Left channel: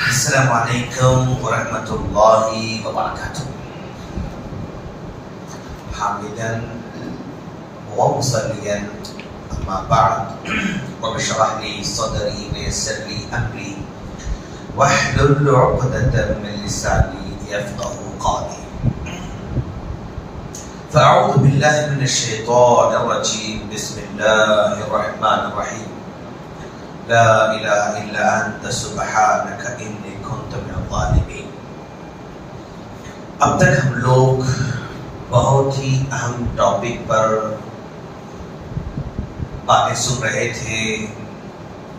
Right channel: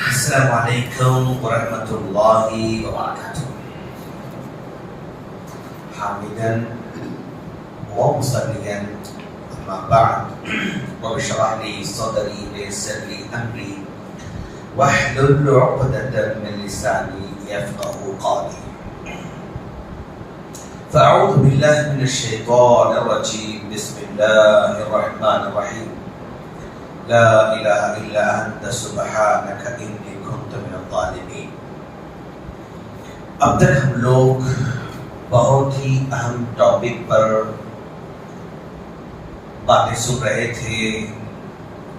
السلام عليكم ورحمة الله وبركاته. حامدا ومصليا أما بعد رب اشرح لي صدري ويسر لي أمري واحلل عقدة من لساني يفقه قولي. فأعوذ بالله من الشيطان الرجيم. بسم الله الرحمن الرحيم. لا الہ الا انت سبحانک انی کنت من الظالمین. اب تک ہم لوگ بہت ہی اہم ٹاپک پر باتیں سن رہے تھے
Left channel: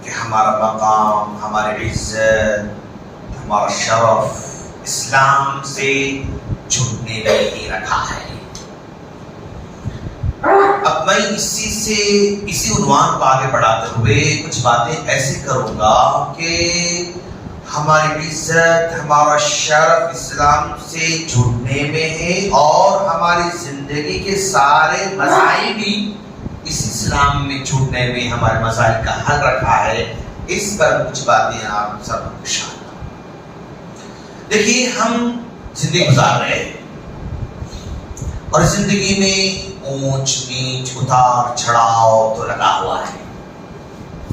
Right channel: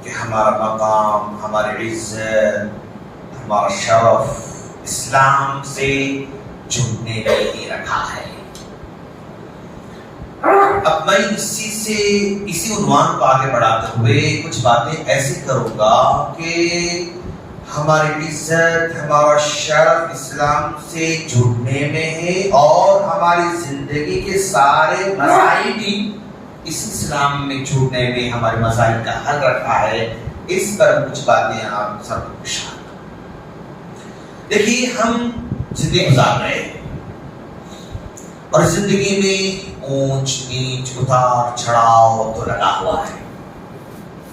کہ ہمارا مقام، ہماری عزت، ہمارا شرف اسلام سے جڑنے میں ہی رکھا ہے. اب میں اسی عنوان کو آگے بڑھاتے ہوئے کچھ باتیں ایسی کروں گا کہ ہماری عزت، ہمارا شرف اسلام سے جڑنے میں ہے اور ہماری زندگی کے سارے مسائل بھی اس اسلام میں جڑنے میں ہمارے مسائل کا حل رکھا ہے. اس پر کچھ باتیں آپ سب کو شامل. دیکھیے، ہم زندگی گزار رہے ہیں اور زندگی میں اونچ نیچ، اتار چڑھاؤ تو لگا ہوا ہے،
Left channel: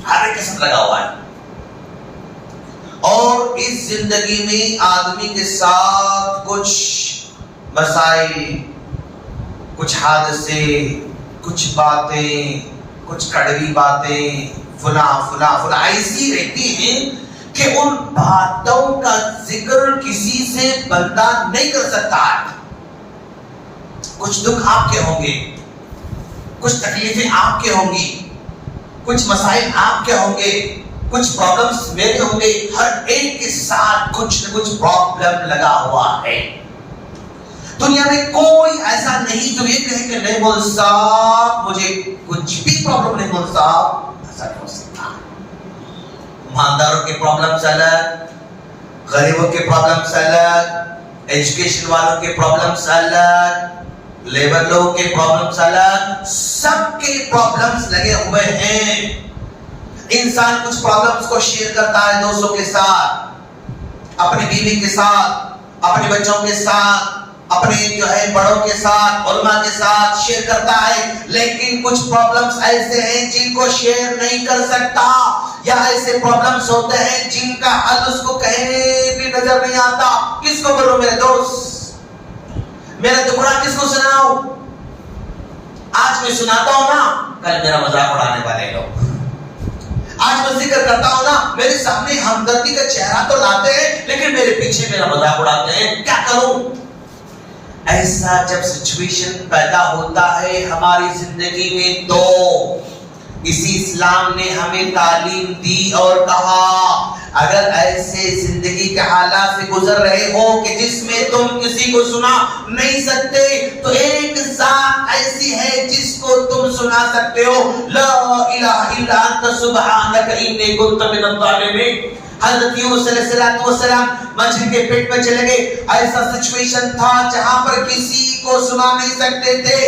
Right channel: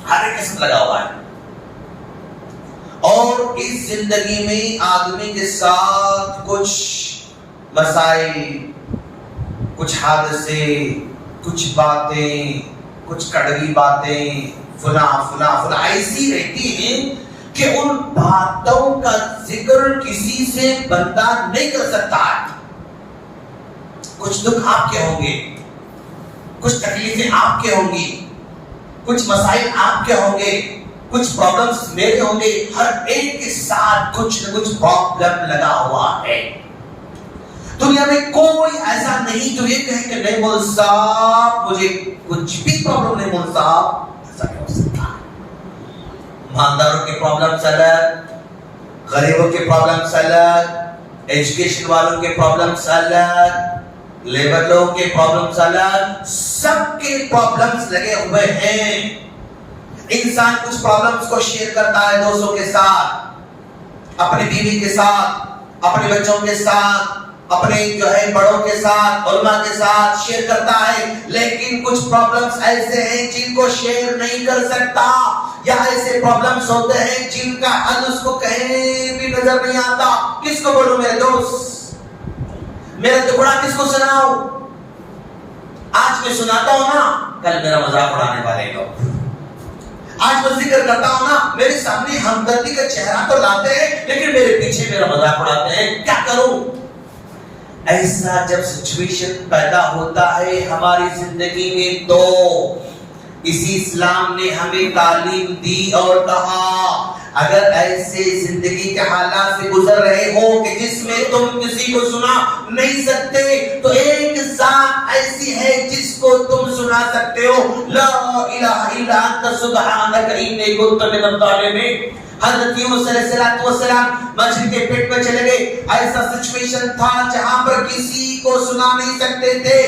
ہر ایک قسم لگا ہوا ہے. اور اس زندگی میں آدمی کے ساتھ کچھ مسائل، کچھ حادثے، کچھ باتیں، کچھ کڑوی باتیں فلاں ایسی رہتی ہیں کہ ان باتوں کا ذکر کسی سے بندہ نہیں کر سکتا ہے. کچھ دکھ آپ کے ہوں گے، کچھ تکلیفیں آپ کے ہوں گی، کچھ مسائل آپ کے ہوں گے، کچھ پرابلمز میرے ہوں گے. ہر ایک کے ساتھ کچھ نہ کچھ پرابلم لگا ہوا ہے. دنیا میں کوئی ایسا نہیں جو یہ کہے کہ نہیں مول صاحب مجھے کچھ بھی پرابلم نہیں. مول صاحب ایسا نہیں ہو سکتا. ایمانداروں کے پرابلمز الگ، غریبوں کے پرابلمز الگ، ایجوکیشن والوں کے پرابلمز الگ، لیبر لوگوں کے پرابلمز الگ. سب کے پرابلمز لگے ہوئے ہیں. انسان کچھ پرابلمز کو شیئر کرتا ہے دوستوں کے ساتھ، اپنی بیوی کے ساتھ، اپنے بچوں کے ساتھ، اپنے جو ہے بڑوں کے ساتھ، علماء کے ساتھ شیئر کرتا ہے. لیکن کچھ پرابلمز ایسے ہیں جن کو شیئر نہیں کر سکتا، یا ایسے پرابلمز ہوتے ہیں جن کا حل اس کو کہیں بھی نظر نہیں آتا. کس کو بولو میرے دوست؟ میرا ٹکڑا کس کو سناؤ؟ آج میں سناتا ہوں نا، کل میرا مذاق اڑانے والے لوگ. آج میں ذکر کرتا ہوں نا، میرے سامنے ہمدردی کا چہرہ تو لاتے ہیں لیکن میرے پیچھے میرا مذاق اڑاتے ہیں. کیا کروں؟ ایسا جب سچویشن پیدا ہوتا ہے ہماری زندگی میں تو اسی اسلام نے ہمیں تعلیم دی اور کہا اگر ایسے زندگی کے حالات سے گزر رہے ہو کہ جس میں تم کسی کو سنا نہیں سکتے، تو ایک ذات ایسی ہے جس کو تم سنا سکتے ہو. لا الہ الا انت سبحانک انی کنت من الظالمین. حضرت یونس علیہ السلام مچھلی کے پیٹ میں چلے گئے. ایسا سچویشن تھا جہاں پر کسی کو سنا نہیں سکتے تھے،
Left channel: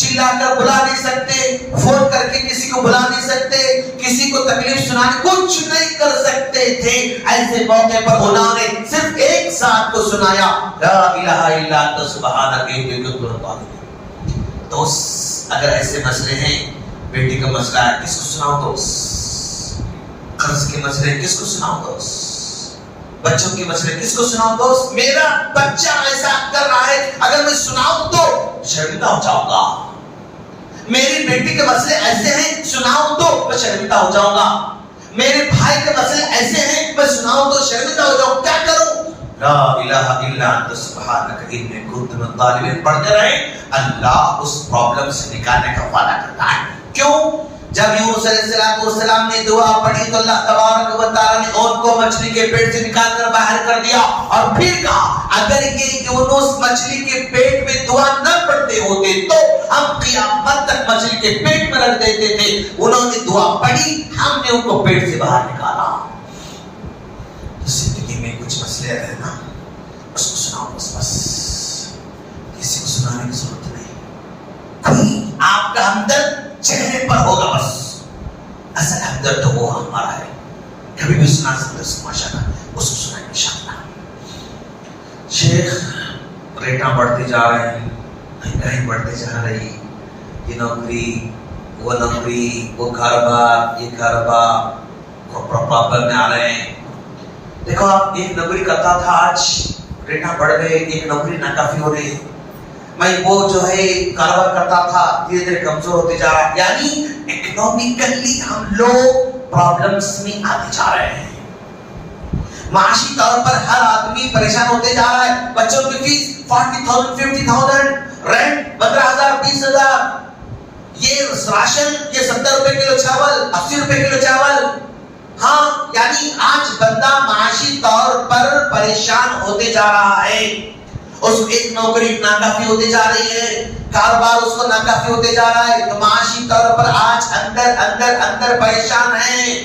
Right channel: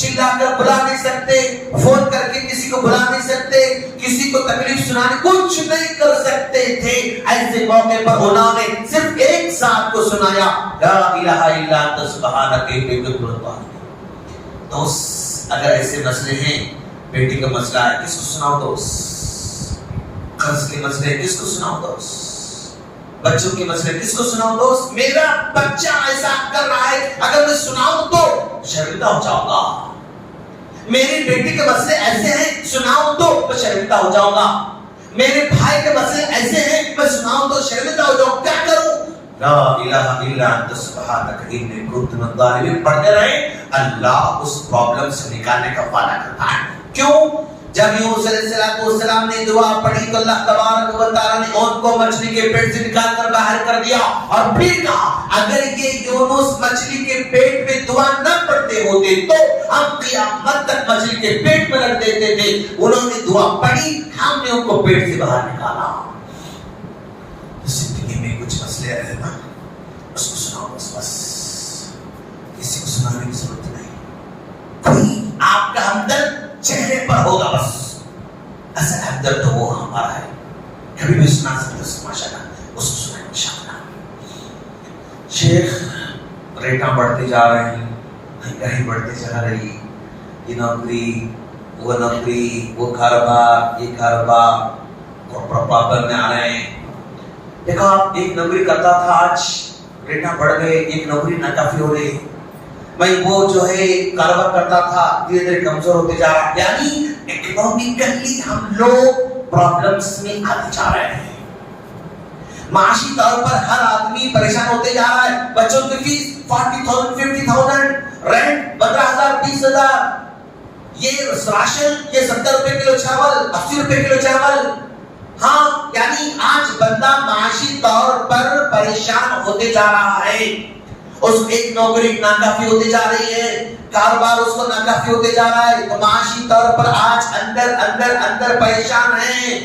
چلا کر بلا نہیں سکتے، فون کر کے کسی کو بلا نہیں سکتے، کسی کو تکلیف سنانے کچھ نہیں کر سکتے تھے. ایسے موقع پر انہوں نے صرف ایک ذات کو سنایا، لا الہ الا انت سبحانک انی کنت من الظالمین. دوست، اگر ایسے مسئلے ہیں، بیٹی کا مسئلہ ہے، کس کو سناؤ دوست؟ قرض کے مسئلے کس کو سناؤ دوست؟ بچوں کے مسئلے کس کو سناؤ دوست؟ میرا بچہ ایسا کر رہا ہے، اگر میں سناؤں تو شرمندہ ہو جاؤں گا. میری بیٹی کے مسئلے ایسے ہیں، سناؤں تو میں شرمندہ ہو جاؤں گا. میرے بھائی کے مسئلے ایسے ہیں، میں سناؤں تو شرمندہ ہو جاؤں. کیا کروں؟ لا الہ الا انت سبحانک انی کنت من الظالمین پڑھتے رہیں. اللہ اس پرابلم سے نکالنے کا وعدہ کرتا ہے. کیوں؟ جب یونس علیہ السلام نے دعا پڑھی تو اللہ تبارک و تعالی نے ان کو مچھلی کے پیٹ سے نکال کر باہر کر دیا اور پھر کہا اگر یہ یونس مچھلی کے پیٹ میں دعا نہ پڑھتے ہوتے تو ہم قیامت تک مچھلی کے پیٹ میں رکھ دیتے تھے. انہوں نے دعا پڑھی، ہم نے ان کو پیٹ سے باہر نکالا. زندگی میں کچھ مسئلے آئے نا، اس کو سناؤ بس. کسی کو سنانے کی ضرورت نہیں. کوئی آپ کا ہمدرد چہرے پر ہوگا، بس اصل ہمدرد تو وہ ہمارا ہے. کبھی بھی سنا سکتے ماشاء اللہ اس کو سنا. شیخ ریٹاں بڑھتے جا رہے ہیں، مہنگائی بڑھتے جا رہی، یہ نوکری وہ کاروبار یہ کاروبار پرابلم میں آ رہے ہیں. دیکھو آپ ایک نوکری کرتا تھا، آج ریٹاں بڑھ گئے، ایک نوکری ناکافی ہو رہی ہے. میں وہ جو ہے کاروبار کرتا تھا دھیرے دھیرے کمزور ہوتے جا رہا. یعنی اکنامکلی ہم لوگ پرابلمس میں آتے جا رہے ہیں. معاشی طور پر ہر آدمی پریشان ہوتے جا رہا ہے. بچوں کی فیس 40,000 50,000، رینٹ 15,000 20,000، یہ راشن یہ 70 روپے کلو چاول 80 روپے کلو چاول. ہاں یعنی آج بندہ معاشی طور پر پریشان ہوتے جا رہا ہے. اس ایک نوکری ناکافی ہوتی جا رہی ہے، کاروبار اس کو ناکافی ہوتے جا رہا ہے. تو معاشی طور پر آج اندر پریشان ہے،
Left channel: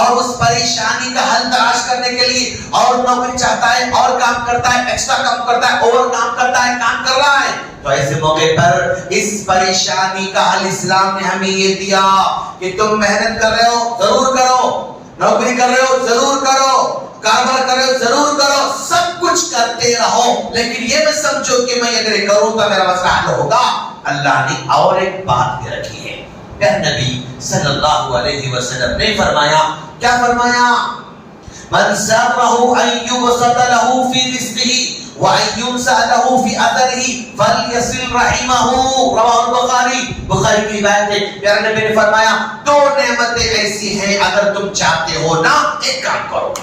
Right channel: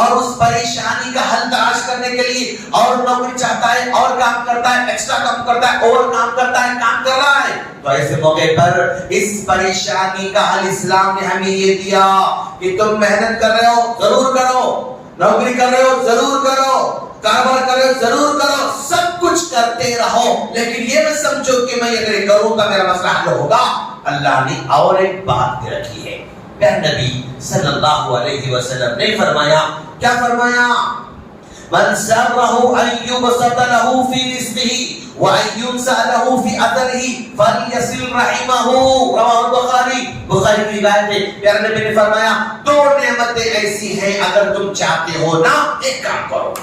اور اس پریشانی کا حل تلاش کرنے کے لیے اور نوکری چاہتا ہے، اور کام کرتا ہے، ایکسٹرا کام کرتا ہے، اوور کام کرتا ہے، کام کر رہا ہے. تو ایسے موقع پر اس پریشانی کا حل اسلام نے ہمیں یہ دیا کہ تم محنت کر رہے ہو ضرور کرو، نوکری کر رہے ہو ضرور کرو، کاروبار کر رہے ہو ضرور کرو، سب کچھ کرتے رہو، لیکن یہ نہ سمجھو کہ میں اگر یہ کروں تو میرا مسئلہ حل ہوگا. اللہ نے اور ایک بات بھی رکھی ہے. نبی صلی اللہ علیہ وسلم نے فرمایا، کیا فرمایا؟ من سرہ ان یبسط له فی رزقہ وان ينسى له فی اثرہ فلیصل رحمہ. رواه البخاری. بخاری کی روایت ہے. پیارے نبی نے فرمایا دو نعمتیں ایسی ہیں اگر تم چاہتے ہو نا ایک کام کرو.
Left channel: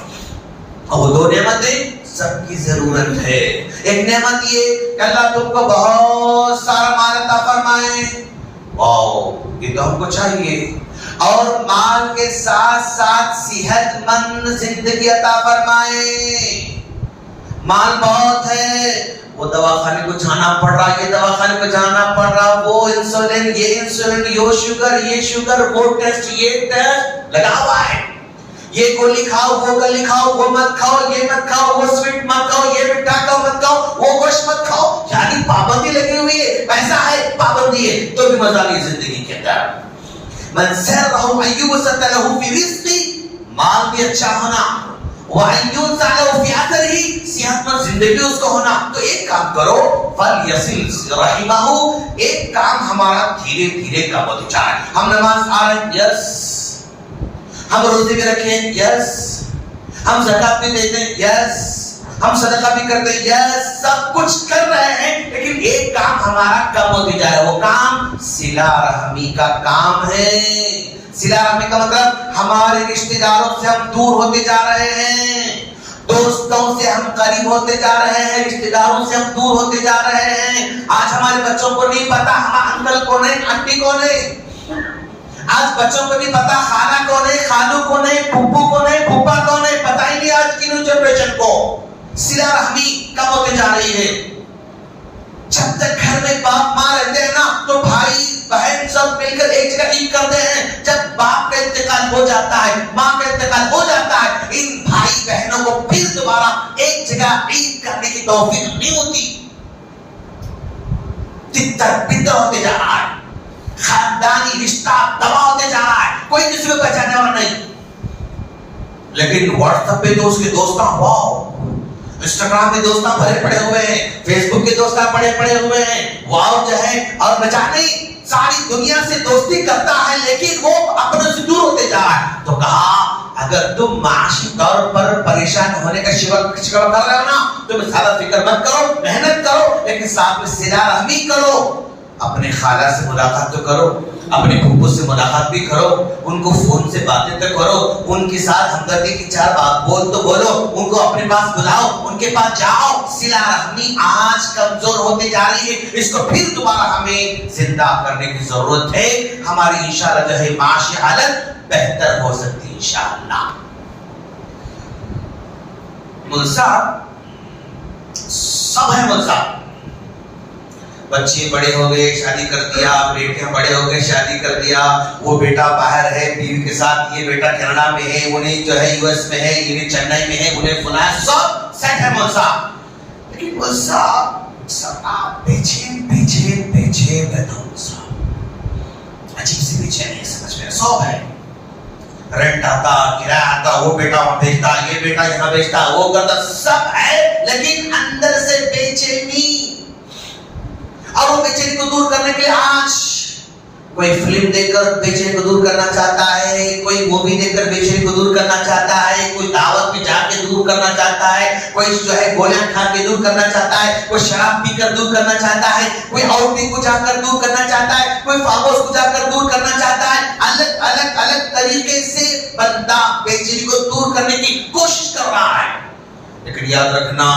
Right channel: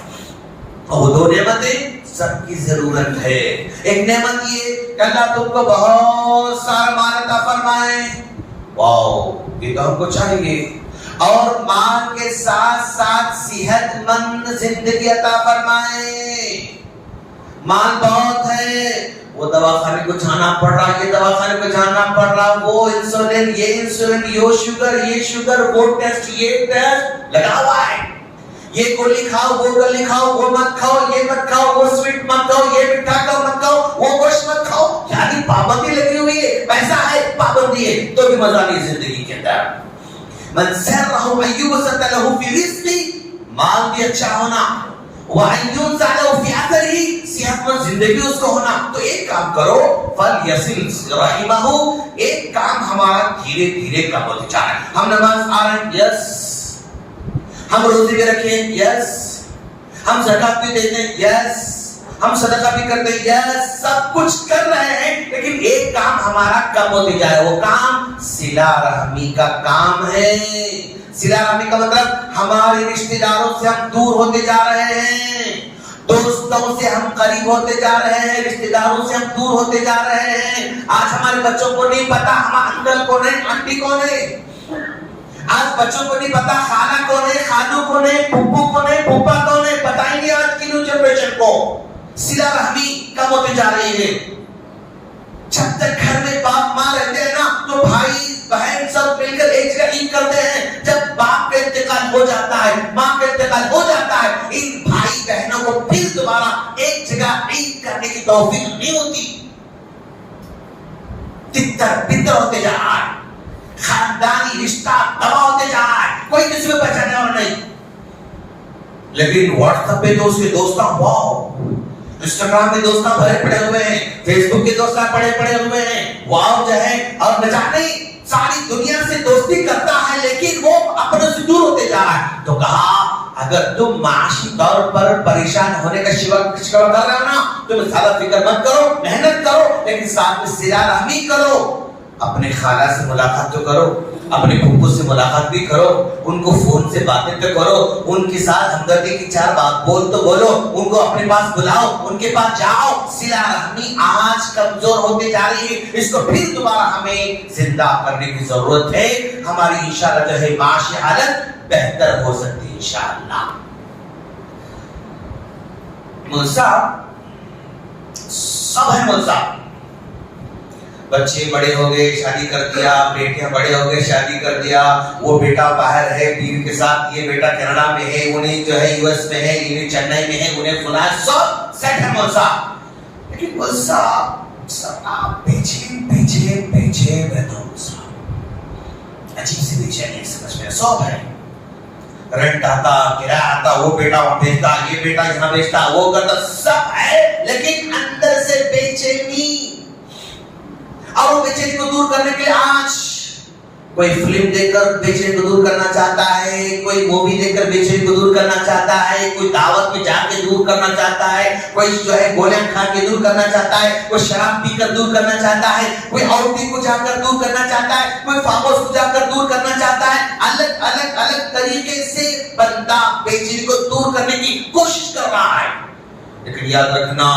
اور دو نعمتیں سب کی ضرورت ہے. ایک نعمت یہ کہ اللہ تم کو بہت سارا مال عطا فرمائے، واو یہ تو ہم کو چاہیے، اور مال کے ساتھ ساتھ صحت مند زندگی عطا فرمائے. مال بہت ہے، وہ دواخانے کو جانا پڑ رہا، یہ دواخانے کو جانا پڑ رہا، وہ انسولین یہ انسولین، یہ شوگر وہ ٹیسٹ یہ ٹیسٹ لگا ہوا ہے. یہ گولی کھاؤ وہ گولی کھاؤ، وہ مت کھاؤ یہ مت کھاؤ، وہ سویٹ مت کھاؤ، یہ میٹھا کھاؤ مت کھاؤ، وہ گوشت مت کھاؤ. یعنی پابندی لگی ہوئی ہے. پیسہ ہے پابندی ہے تو بھی مزہ نہیں زندگی کے اندر. من سرہ ان یبسط له فی رزقہ، مال بھی اچھا ہونا، وان ينسى له فی اثرہ، صحت مند زندگی اس کو ہونا. تو ایک کام کرو، فلیصل رحمہ. ایک کام ہمارا دھیرے دھیرے کام ہوتا جائے. ہم نماز آ رہے ہیں، یس. ہم روزے بھی رکھیں، یس. ہم زکات بھی دیتے ہیں، یس. ہم صدقہ بھی کرتے ہیں، یس. سب کچھ کر رہے ہیں، لیکن ایک کام ہمارا کم ہوتے جائے. وہ کام صلہ رحمی کا کام ہے. صلہ رحمی کا مطلب ہمارے رشتہ داروں سے ہم دور ہوتے جا رہے ہیں، دوستوں سے ہم قریب ہوتے جا رہے ہیں، رشتہ داروں سے ہم دور ہوتے جا رہے ہیں. آج ہمارے بچوں کو نہیں پتا ہمارا انکل کون ہے، آنٹی کون ہے. آج بچوں کو نہیں پتا خالہ کون ہے، خالو کون ہے، پھپھو کون ہے، پھوپھا کون ہے. پتہ ہی نہیں آج کی نیو جنریشن کو. صلہ رحمی کم ہوتی جا رہی ہے. جب تک گھر میں باپ ماں رہتے ہیں نا تو بھائی بہن سب مل کر ایک جگہ عید کرتے ہیں. جب باپ کا انتقال ہو جاتا ہے، ماں کا انتقال ہو جاتا ہے، ان بھائی بہنوں کو پھر دوبارہ ایک جگہ عید کرنے کی توفیق نہیں ہوتی. تتر بتر ہوتے جا رہا ہے، خاندانی رشتہ تباہ ہوتے جا رہا ہے، کوئی کسی کو پہچاننے والا نہیں. لیکن واٹس ایپ پہ جو اس کے دوست واؤ، انسٹاگرام کے دوست بھرے پڑے ہوئے ہیں، فیس بک کے دوست پڑے ہوئے ہیں، واؤ جو ہے. اور نہ جانے ساری دنیا سے دوستی کرتا ہے لیکن وہ اپنے سے دور ہوتے جا رہا ہے. تو کہا اگر تم معاشی طور پر پریشان ہونے کا شکوہ کر رہے ہو نا، تم زیادہ فکر مت کرو، محنت کرو، لیکن ساتھ میں صلہ رحمی کرو. اپنی خالہ سے ملاقات تو کرو، اپنے پھپھو سے ملاقات بھی کرو، ان کو فون سے باتیں تو کرو، ان کے ساتھ ہمدردی کی چار بات بول تو بولو، ان کو اپنے پاس بلاؤ، ان کے پاس جاؤ. صلہ رحمی آج کمزور ہوتے جا رہی ہے، اس کو پھر دوبارہ ہمیں زندہ کرنے کی ضرورت ہے. ہماری انشاءاللہ جو ہے معاشی حالت بہتر ہو سکتی ہے انشاءاللہ. ملزا سب ہے ملزا. بچے بڑے ہو گئے شادی کر دیا، بیٹے بڑے ہو گئے شادی کر دیا، وہ بیٹا باہر ہے بیوی کے ساتھ، یہ بیٹا کینیڈا میں ہے، انہیں جو ہے یو ایس میں ہے، انہیں چنئی میں ہے، انہیں سنا ہے، سب سیٹ ہے ملزا. لیکن ملزا آپ پیچھے رہتا ہوں. عجیب سی پیچھے نہیں سمجھ میں سب ہے. رینٹ آتا، کرایہ آتا، وہ بیٹا وہاں بیچتا، یہ بیٹا یہاں بیچتا، وہ کرتا، سب ہے. لیکن بے چینی کو دور کرنے کے لیے آج کوئی فلم دیکھ کر بے چینی کو دور کرنا چاہتا ہے، کوئی مووی دیکھ کر بے چینی کو دور کرنا چاہتا ہے، کوئی دعوت میں جا کے دور کرنا چاہتا ہے، کوئی گولیاں کھا کے دور کرنا چاہتا ہے، کوئی شراب پی کر دور کرنا چاہتا ہے، کوئی آؤٹنگ کو جا کر دور کرنا چاہتا ہے، کوئی فارم ہاؤس کو جا کر دور کرنا چاہتا ہے۔ الگ طریقے سے بندہ بے چینی کو دور کرنے کی کوشش کر رہا ہے، لیکن یاد رکھنا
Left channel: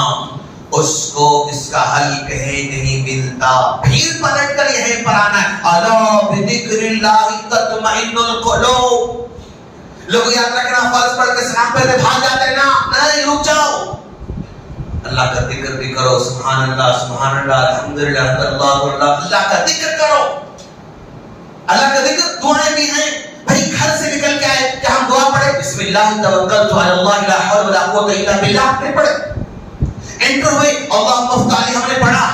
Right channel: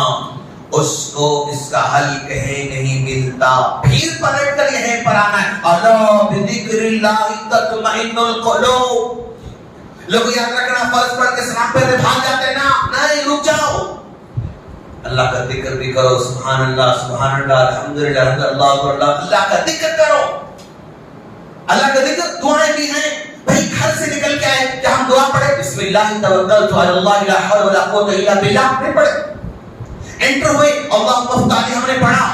اس کو اس کا حل کہیں نہیں ملتا۔ پھر پلٹ کر یہیں پر آنا ہے، الا بذکر اللہ تطمئن القلوب۔ لوگ یاد رکھنا فرض پڑھ کے سلام پڑھ کے بھاگ جاتے ہیں نا، نہیں رک جاؤ، اللہ کا ذکر بھی کرو، سبحان اللہ سبحان اللہ الحمدللہ اللہ اکبر، اللہ کا ذکر کرو۔ اللہ کا ذکر دعائیں بھی ہیں، بھائی گھر سے نکل کے آئے کیا ہم دعا پڑھے بسم اللہ توکلت علی اللہ لا حول ولا قوت الا باللہ نہیں پڑھے؟ انٹر ہوئے اللہم افتح لي ہم نے پڑھا،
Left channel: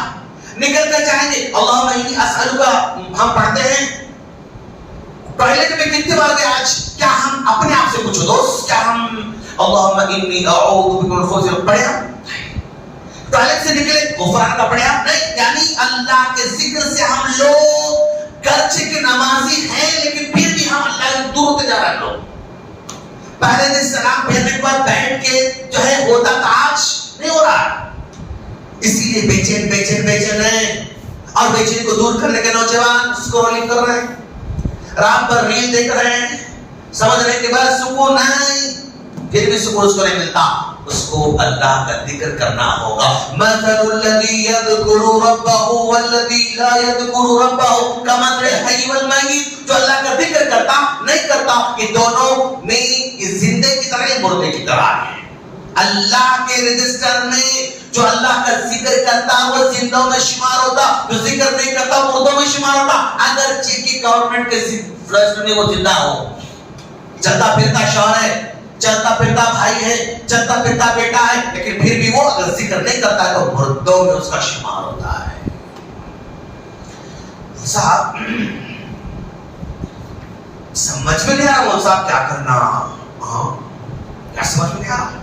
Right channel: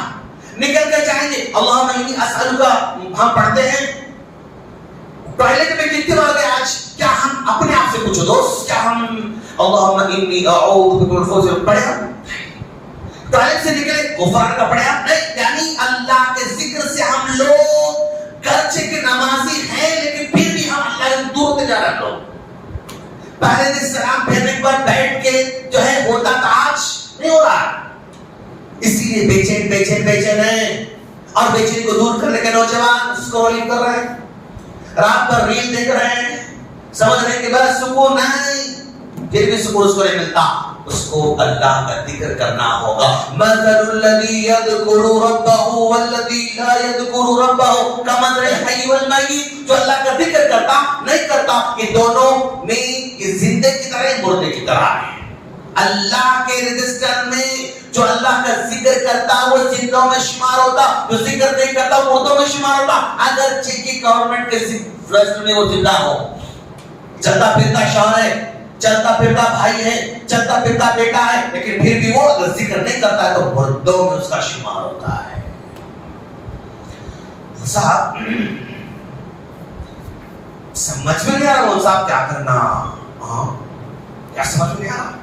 نکل کے جائیں گے اللہم انی اسألک ہم پڑھتے ہیں۔ ٹوائلٹ میں کتنی بار گئے آج؟ کیا ہم اپنے آپ سے پوچھو دوست، کیا ہم اللہم انی اعوذ بک من الخبث پڑھے؟ ٹوائلٹ سے نکلے غفران کا پڑھا نہیں، یعنی اللہ کے ذکر سے ہم لوگ گرچہ کے نمازی ہیں لیکن پھر بھی ہم اللہ سے دور ہوتے جا رہے لوگ۔ پہلے دن سلام پھیرنے کے بعد بیٹھ کے جو ہے ہوتا تھا، آج نہیں ہو رہا، اسی لیے بے چین ہیں، اور بے چینی کو دور کرنے کے نوجوان اسکرولنگ کر رہے ہیں، رات بھر ریل دیکھ رہے ہیں، سمجھنے کے بعد سکون نہیں، پھر بھی سکون اس کو نہیں ملتا، اس کو اللہ کا ذکر کرنا ہوگا۔ مثل الذی یذکر ربہ والذی لا یذکر ربہ کمثل الحی والمیت، جو اللہ کا ذکر کرتا نہیں کرتا، یہ دونوں میں زندے کی طرح مردے کی طرح ہے۔ اللہ کے رجسٹر میں جو اللہ کا ذکر کرتا وہ زندوں میں شمار ہوتا، جو ذکر نہیں کرتا وہ مردوں میں شمار ہوتا، اگرچہ کہ گورنمنٹ کے رجسٹر میں وہ زندہ ہو، چلتا پھرتا شوہر ہے، چلتا پھرتا بھائی ہے، چلتا پھرتا بیٹا ہے، لیکن پھر بھی وہ اگر ذکر نہیں کرتا ہے تو مردوں میں اس کا شمار ہوتا ہے۔ صاحب سمجھ میں نہیں آ رہا صاحب کیا کرنا، کیا سمجھ میں نہیں آ رہا،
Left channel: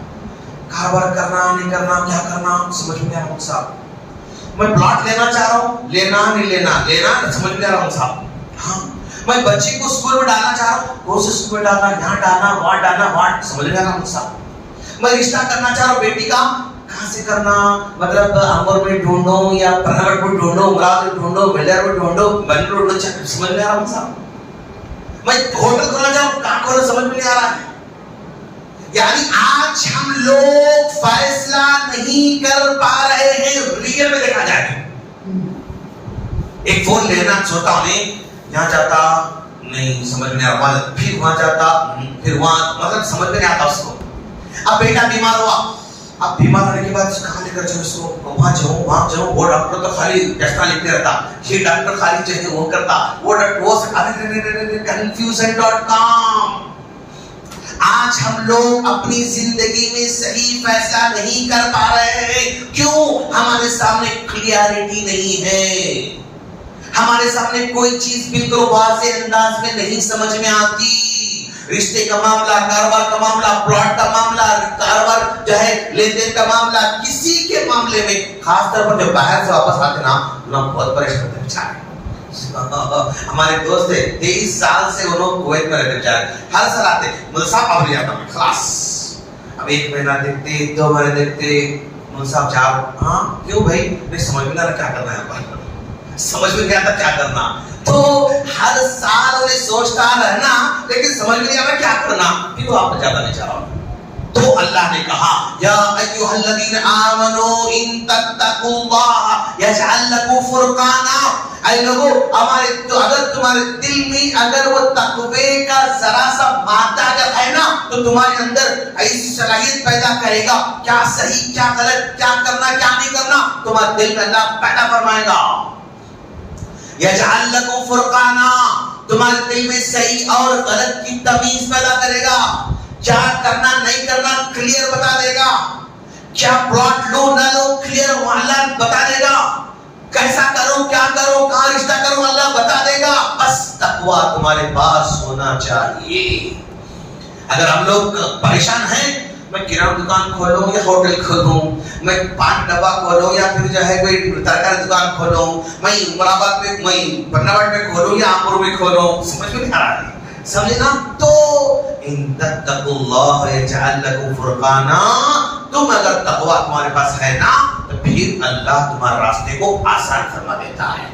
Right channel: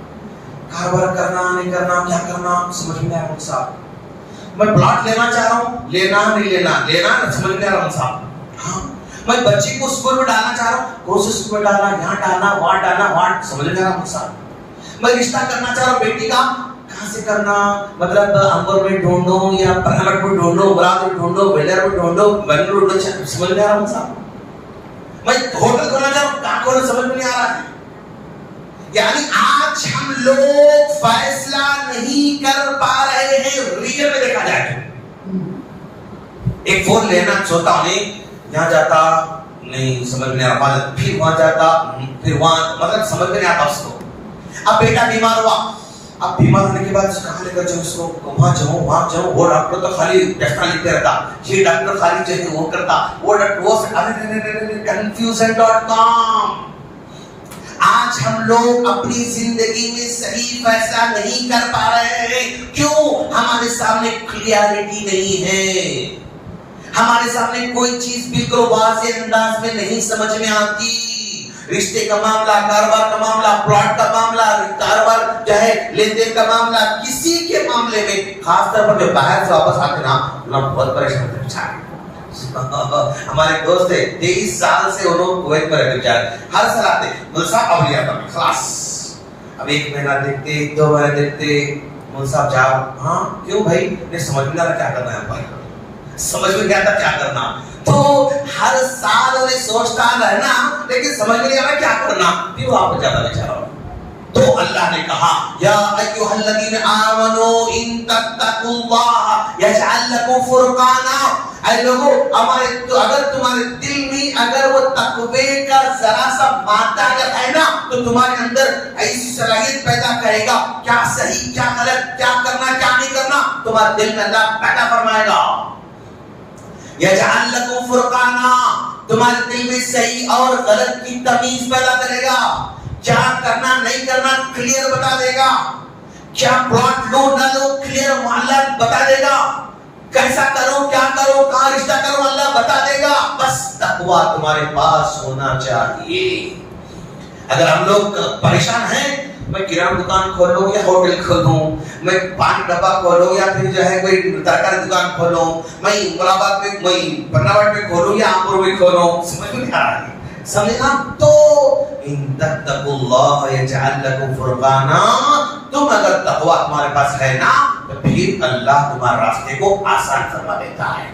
کاروبار کرنا نہیں کرنا، کیا کرنا سمجھ میں نہیں آ رہا صاحب، میں پلاٹ لینا چاہ رہا ہوں، لینا نہیں لینا سمجھ میں نہیں آ رہا صاحب، ہاں میں بچی کو اسکول میں ڈالنا چاہ رہا ہوں، کون سے اسکول میں ڈالنا، یہاں ڈالنا وہاں سمجھ میں آ رہا صاحب، میں رشتہ کرنا چاہ رہا ہوں بیٹی کا، کہاں سے کرنا، مطلب امر میں ڈھونڈوں یا پرائیویٹ میں ڈھونڈوں، مراد میں ڈھونڈوں، ویلر میں ڈھونڈوں، بنگلور میں سمجھ میں آ رہا صاحب، میں ہوٹل کھولنا چاہ رہا ہوں، کہاں کھولنا سمجھ میں نہیں آ رہا ہے۔ یعنی آج ہم لوگ فیصلہ نہیں کر پا رہے ہیں، ریئل میں دیکھا جائے ایک فون لینا چاہتا ہوں، یہاں جاتا نہیں سمجھ میں آ رہا، پھر وہاں جاتا پھر وہاں، مطلب سمجھ میں نہیں آتا اس کو۔ اب بیٹا بیمار ہوا، اب بیمار ہونے کے بعد کہاں لے کر جاؤں اس کو، وہاں جاؤں، وہ ڈاکٹر تو خالی ٹیسٹ لکھتے رہتا، یہ ڈاکٹر خالی جو ہے وہ کرتا، وہ confusion.com۔ آج ہم لوگ اپنی زندگی میں صحیح فیصلہ نہیں کر پا رہے ہیں، کیوں؟ ہمارے سامنے کلیئرٹی نہیں ہے، ہمارے سامنے کوئی چیز بالکل واضح انداز میں نہیں سمجھ میں آتی۔ رشتے کا معاملہ، کاروبار کا معاملہ، پلاٹ کا معاملہ، کاروبار جو ہے لین دین کا معاملہ، کسی کے معاملے میں خاص طور پر جو باہر سے واپس آتے نا بہت پریشان ہوتے ہیں۔ ہمارے دوست تھے 23 سال سے انہوں کویت میں رہتے بیچارے، ہر سال آتے مدر صاحب اب نہیں آتا خلاص، اب 1 مہینہ دیکھتے 2 مہینے دیکھتے، مدر صاحب 4، ہاں کیوں بھائی نہیں سمجھ میں نہ کیا کرنا ہے، سمجھ میں نہیں آتا کیا کرنا، تو ہر سال انہیں سوچتا رہنا لیکن سمجھ میں نہیں آتا کیا کرنا، پھر وہ آپ جاتا بیچارہ۔ تو اللہ نے کہا یا ایھا الذین آمنوا ان تتقوا اللہ یجعل لکم فرقانا، اے لوگوں اگر تمہارے دل میں اگر وہ تقوی کا ذرا سا مادہ اگر ہے نا تو تمہارے اندر ایسی صلاحیت پیدا کرے گا، کیا صحیح کیا غلط، کیا کرنا کیا نہیں کرنا تمہارے دل میں اللہ پیدا فرمائے گا۔ یجعل لکم فرقانا، تمہارے دل میں صحیح اور غلط کی تمیز پیدا کرے گا، کیا کرنا نہیں کرنا کلیئر بتا دے گا، کیا پلاٹ لو نہ لو کلیئر معاملہ بتا دے گا، کیسا کرو کیا کرو کہاں رشتہ کرو اللہ بتا دے گا، بس تقویٰ تمہارے پاس ہونا چاہیے۔ اگر ہم لوگ پریشان ہیں میں کرانہ دکان کھولوں یا ہوٹل کھولوں، میں پان ڈبا کھولوں یا پھر جو ہے کوئی ترکاری دکان کھولوں، میں مرابات میں، میں برناوٹ میں کھولوں یا آمپور میں کھولوں، سمجھ میں نہیں آ رہا ہے، سمجھنا؟ تو ان تتقوا اللہ یجعل لکم فرقانا، تم اگر تقوی تمہارے پاس ہے نا تو پھر اللہ تمہارے راستے کو آسان فرما دیتا ہے۔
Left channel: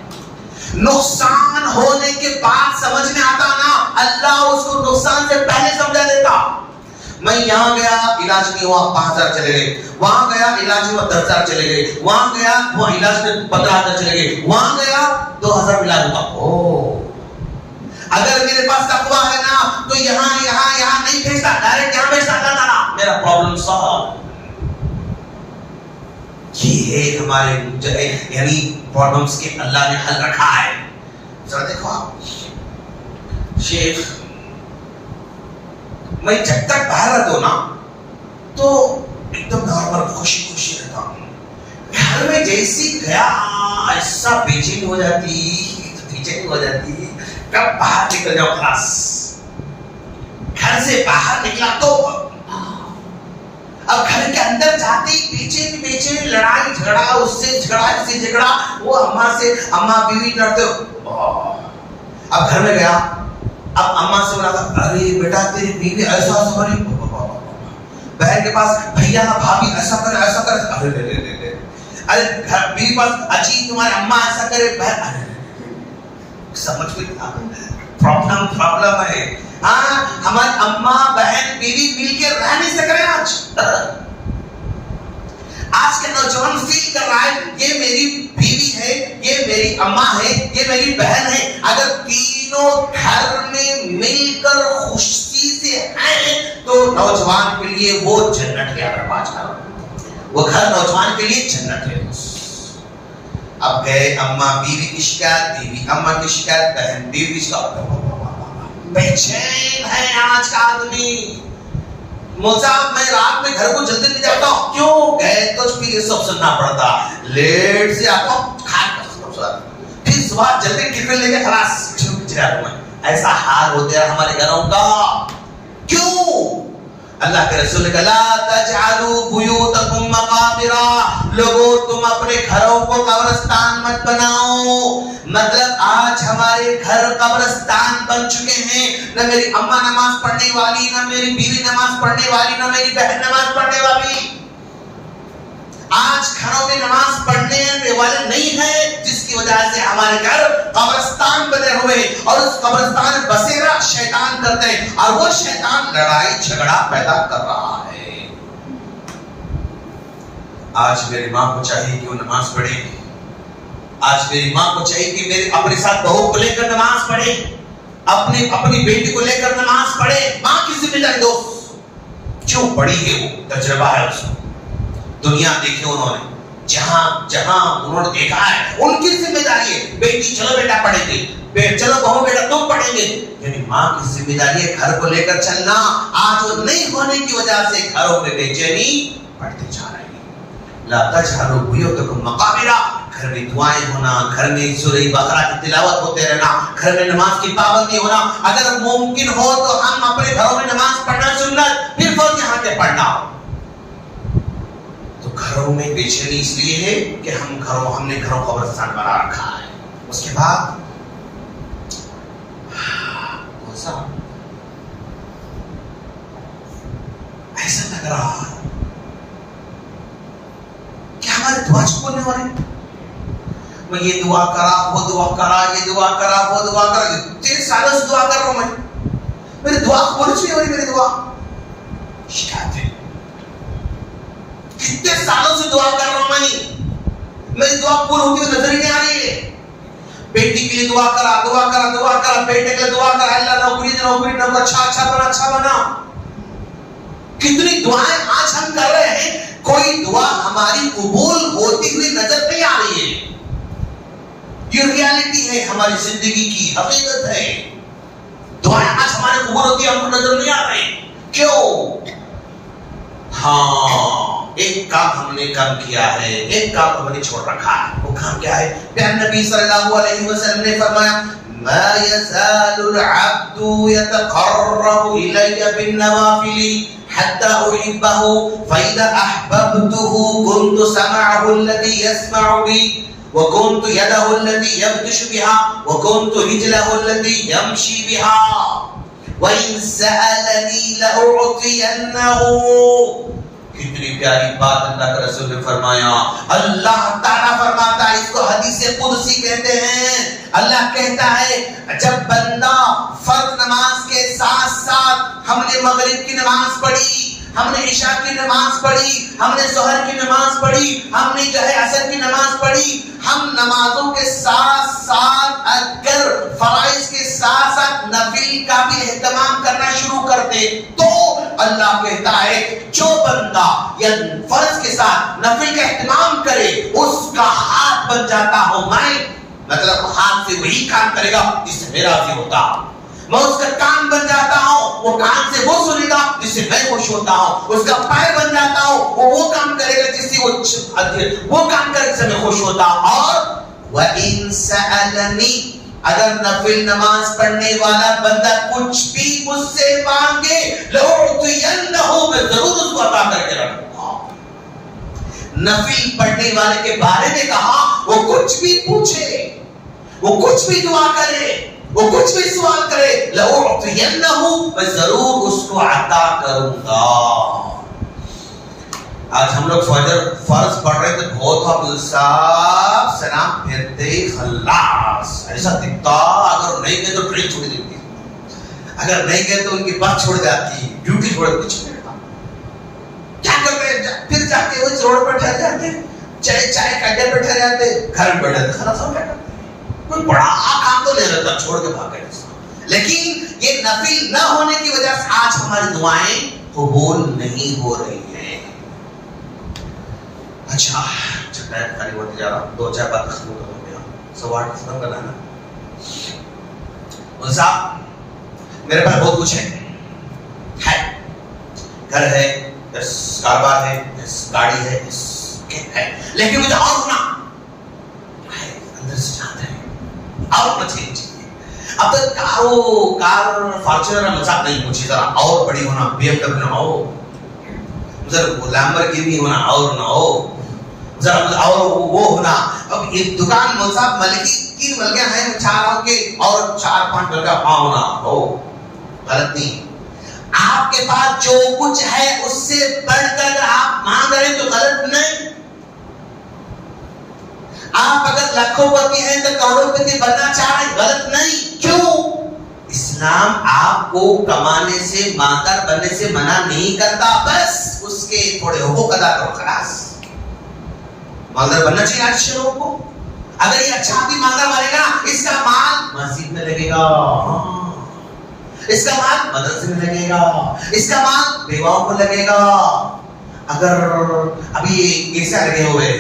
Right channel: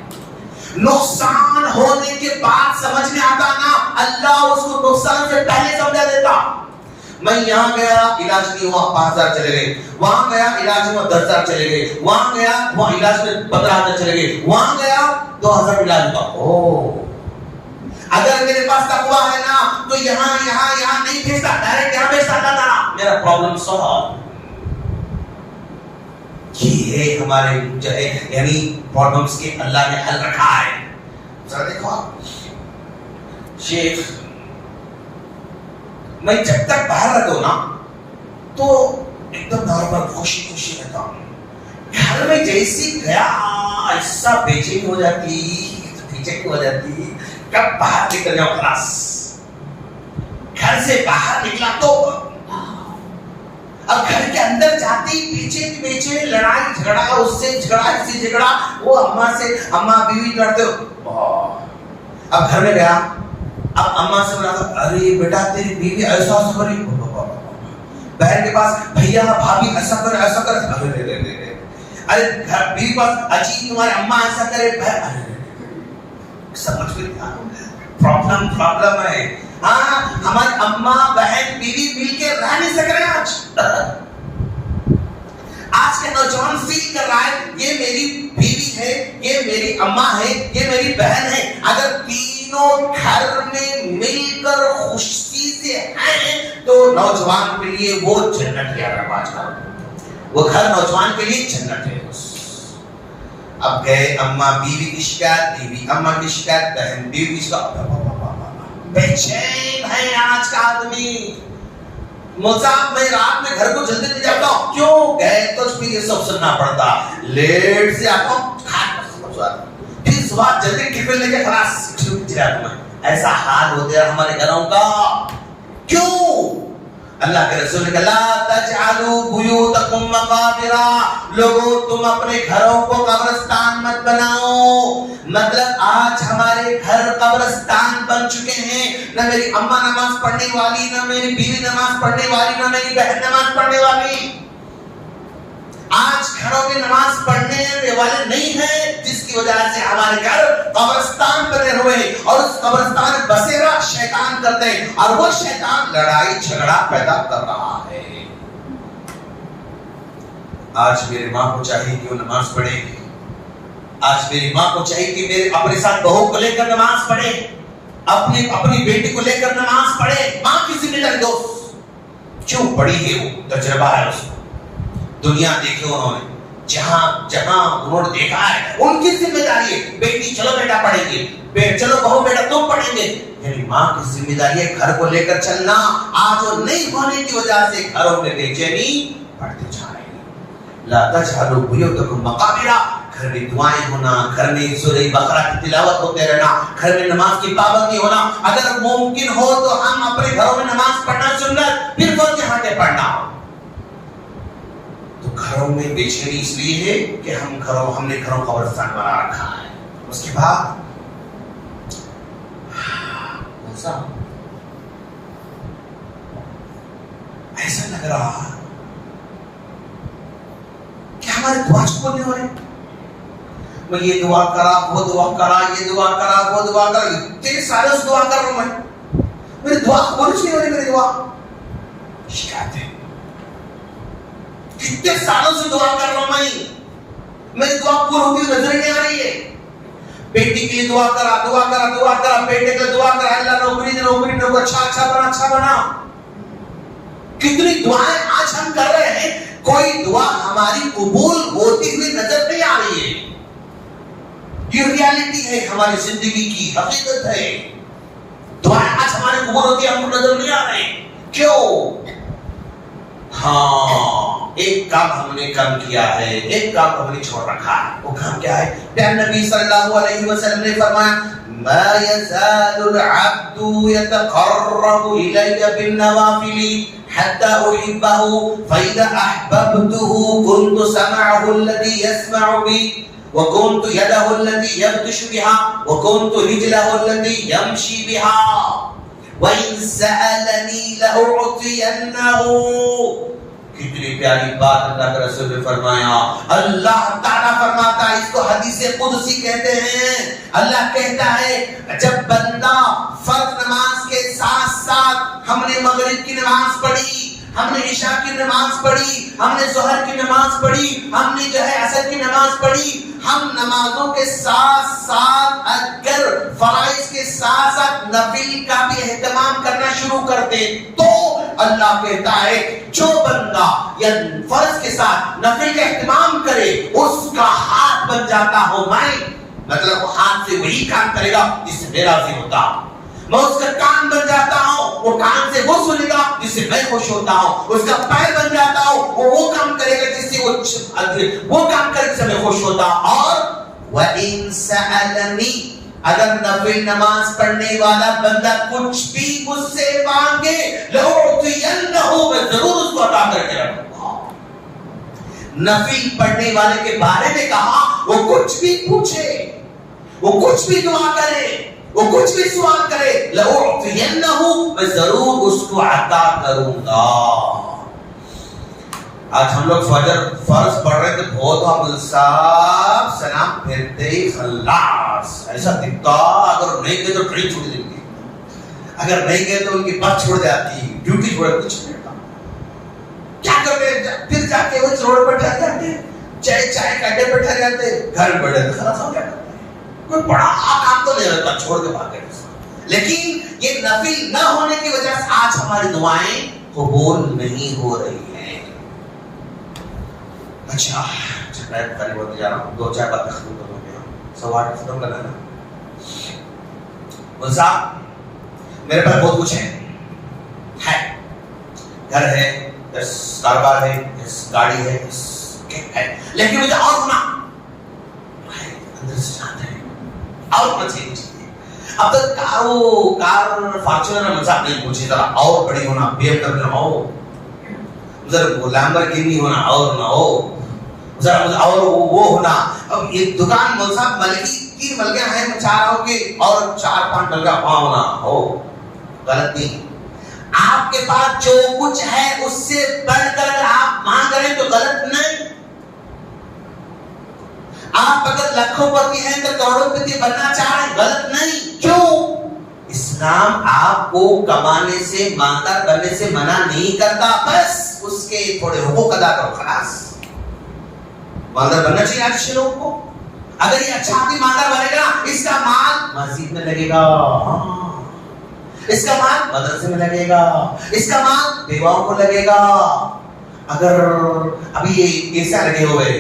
نقصان ہونے کے بعد سمجھ میں آتا نا، اللہ اس کو نقصان سے پہلے سمجھا دیتا۔ میں یہاں گیا علاج نہیں ہوا 5000 چلے گئے، وہاں گیا علاج ہوا 10000 چلے گئے، وہاں گیا وہاں علاج میں 15000 چلے گئے، وہاں گیا 2000 علاج ہوا۔ اگر میرے پاس تقوی ہے نا تو یہاں نہیں بھیجتا، ڈائریکٹ یہاں بھیجتا تھا، میرا پرابلم سالو۔ یہ ہے ہمارے یعنی پرابلمز کے اللہ نے حل رکھا ہے۔ ذرا دیکھو شیخ، میں جب تک باہر رہتا ہوں نا تو ایک دم نارمل خوشی رہتا ہوں، گھر میں جیسی گیا ایسا بے چینی ہو جاتی، کب باہر نکل جاؤ خلاص۔ گھر سے باہر نکلا تو اب گھر کے اندر جاتے ہی پیچھے لڑائی جھگڑا، اس سے جھگڑا، وہ اماں بیوی لڑتے ہو۔ اب گھر میں گیا، اب اماں سے بولا تھا ارے بیٹا تیری بیوی ایسا سوری، بہن کے پاس بھیا بھابھی ایسا کرے، ارے بیوی پاس اجی تمہارے اماں ایسا کرے، سمجھ میں پرابلم ہے۔ ہاں ہمارے اماں بہن بیوی مل کے رہ نہیں سک رہے آج کے نوجوان فیل کر رہا ہے یہ میری بیوی ہے، یہ میری اماں ہے، یہ میری بہن ہے۔ اگر تینوں گھر میں مل کر خوشی سے ہیں تو نوجوان کے لیے وہ جنت ہے۔ وہ گھر نوجوان کے لیے جنت ہے۔ اب گئے اماں بیوی کی شکایت، بیوی اماں کی شکایت، بہن بیوی کی شکایت، بے چین ہے آج کا آدمی۔ مصعب میں رات میں گھر کو جلدی نہیں جاتا ہوں، کیوں؟ گئے تو پھر یہ سب سننا پڑتا، لیٹ سے آتا ہوں، پھر صبح جلدی ٹفن لے کے خلاص جاتا۔ ایسا حال ہوتا ہے ہمارے گھروں کا، کیوں؟ اللہ کے رسول نے کہا لا تجعلوا بیوتکم مقابر، لوگوں تم اپنے گھروں کو قبرستان مت بناؤ۔ مطلب آج ہمارے گھر قبرستان بن چکے ہیں، نہ میری اماں نماز پڑھنے والی، نہ میری بیوی نماز پڑھنے والی، نہ میری بہن نماز پڑھنے والی۔ آج گھروں میں نماز پڑھنے والے نہیں ہیں، جس کی وجہ سے ہمارے گھر قبرستان بنے ہوئے ہیں، اور اس قبرستان میں بسیرا شیطان کرتے ہیں، اور وہ شیطان لڑائی جھگڑا پیدا کر رہا ہے۔ آج میری ماں کو چاہیے کہ وہ نماز پڑھے، آج میری ماں کو چاہیے کہ میرے اپنے ساتھ بہو کو لے کر نماز پڑھے، اپنی بیٹی کو لے کر نماز پڑھے۔ ماں کی ذمہ داری دوست کیوں بڑی ہے، وہ تجربہ ہے، اس کو دنیا دیکھی انہوں نے، جہاں انہوں نے دیکھا ہے، ان کی ذمہ داری ہے بیٹی چلو بیٹا پڑھیں گے، چلو بہو بیٹا تم پڑھیں گے۔ یعنی ماں کی ذمہ داری ہے گھر کو لے کر چلنا۔ آج وہ نہیں ہونے کی وجہ سے گھروں میں بے چینی بڑھتی جا رہی ہے۔ لا تجعلوا بیوتکم مقابر، گھر میں دعائیں ہونا، گھر میں سورہ بقرہ کی تلاوت ہوتے رہنا، گھر میں نماز کی پابندی ہونا۔ اگر ممکن ہو تو ہم اپنے گھروں میں نماز پڑھنا سنت، پھر فرض یہاں پہ پڑھنا۔ تو گھروں میں بے چینی اس لیے ہے کہ ہم نے گھروں کو قبرستان بنا رکھا ہے۔ اس کے بعد ایسا لگ رہا کہ ہمارے دعا کو نہیں ہو رہے، میں یہ دعا کرا، وہ دعا کرا، یہ دعا کرا، وہ دعا کرا، 3 سالوں سے دعا کر رہا ہوں میری دعا قبول نہیں ہو رہی، میری دعا شکایت ہے۔ کتنے سالوں سے دعا کر رہا ہوں میری دعا پوری ہوتی ہوئی نظر نہیں آ رہی ہے۔ بیٹی کے لیے دعا کرا، بیٹے کے لیے دعا کرا، اللہ نوکری دے، اچھا بنا۔ کتنی دعائیں آج ہم کر رہے ہیں، کوئی دعا ہماری قبول ہوتی ہوئی نظر نہیں آ رہی ہے۔ یہ ریالٹی ہے، ہماری زندگی کی حقیقت ہے۔ دعائیں آج ہماری قبول ہوتی ہے، ہم کو نظر نہیں آ رہے ہیں، کیوں؟ ہاں ایک کام ہم نے کم کیا ہے، ایک کام ہم نے چھوڑ رکھا ہے۔ وہ کام کیا ہے؟ پیارے نبی صلی اللہ علیہ وسلم نے فرمایا ما يزال العبد يتقرب إلي بالنوافل حتى أحبه فإذا أحببته كنت سمعه الذي يسمع بي وكنت يده التي يبطش بها وكنت رجله التي يمشي بها وإن سألني لأعطينه. کتنی پیاری بات اللہ کے رسول نے فرمایا. اللہ تعالیٰ فرماتا ہے, اس کو حدیث قدسی کہتے ہیں. اللہ کہتا ہے جب بندہ فرض نماز کے ساتھ ساتھ ہم نے مغرب کی نماز پڑھی, ہم نے عشاء کی نماز پڑھی, ہم نے ظہر کی نماز پڑھی, ہم نے جو ہے عصر کی نماز پڑھی, ہم نمازوں کے ساتھ ساتھ اگر فرائض کے ساتھ ساتھ نفل کا بھی اہتمام کرنا شروع کرتے تو اللہ کہتا ہے جو بندہ یا فرض کے ساتھ نفل کا اہتمام کرے اس کا ہاتھ بن جاتا ہوں میں. مطلب ہاتھ سے وہی کام کرے گا جس سے میں راضی ہوتا ہوں. میں اس کا کان بن جاتا ہوں, وہ کان سے وہ سنے گا جس سے میں خوش ہوتا ہوں. اس کا پیر بن جاتا ہوں, وہ کام کرے گا جس سے وہ کام کرے جس سے میں خوش ہوتا ہوں. اور وَإِن سَأَلَنِي, اگر نفل نماز پڑھنے والا بندہ کچھ بھی مجھ سے مانگے لَأُعْطِيَنَّهُ, میں ضرور اس کو عطا کر کے رکھوں گا. نفل پڑھنے والے کے بارے میں کہا وہ کچھ بھی پوچھے, وہ کچھ بھی دعا کرے, وہ کچھ بھی سوال کرے, لَأُعْطِيَنَّهُ, میں ضرور اس کو عطا کروں گا. آج ہم لوگ فجر فرض پڑھ رہے تھے, بہت ہم صاحب سلام پھرتے ہی خلاص ایسا دکھتا, اگر نہیں گئے تو ٹرین چھوڑ دیتی, اگر نہیں گئے تو ان کی بس چھوڑ جاتی, ڈیوٹی چھوڑ, کچھ نہیں ہوتا. کیا کر رہے ہیں, پھر جا کے اس روڈ پہ ٹھہر جاتے, چائے کا اڈے پہ ٹھہر جاتے, گھر میں بیٹھ جاتے, خلاص ہو گیا. کوئی بڑا کام تو نہیں رہتا, چھوڑ کے بھاگ گئے. لیکن یہ نفل نہ ہونے کی وجہ سے آج ہماری دعائیں قبول نہیں ہو رہی ہیں. اچھا ٹائم قریب ہوتے جا رہا, 2-4 بات ختم کر دیں, 8:15 ختم کرنا ہے نا. صاحب میرے پاس بہت کچھ ہے, گھر ہے, کاروبار ہے, گاڑی ہے, لیکن مجھے اور ہونا اندر سے چاہتا ہے, اور ہونا چاہیے. اب تک کار فارچونر میں مزاق نہیں, مجھے ذرا اور بڑی ہونا, BMW نہ ہو, ذرا لامبورگینی ہونا اور نہ ہو, ذرا اور وہ ہونا. اب یہ دکان صاحب ملکی 3 ملکیاں ہیں, میں چاہ رہا ہوں کہ اور 4-5 ملکہ ہونا ہو. غلط نہیں. آپ کے پاس جو کچھ ہے اس سے بڑھ کر آپ مانگ رہے ہیں تو غلط نہیں. آپ اگر لاکھوں پتی ہیں تو کروڑوں پتی بننا چاہ رہے ہیں, غلط نہیں. کیوں؟ اسلام آپ کو کمانے سے مالدار بننے سے منع نہیں کرتا, بس اس کے تھوڑے حقوق ادا کرو, خلاص. مالدار بننا چاہیے اچھے لوگوں کو. اگر یہ اچھا آدمی مالدار بنے گا, اس کا مال مسجد میں لگے گا, اس کا مال مدرسے میں لگے گا, اس کا مال بیواؤں کو لگے گا. اگر ابھی یہ کیسے لگے ہوئے,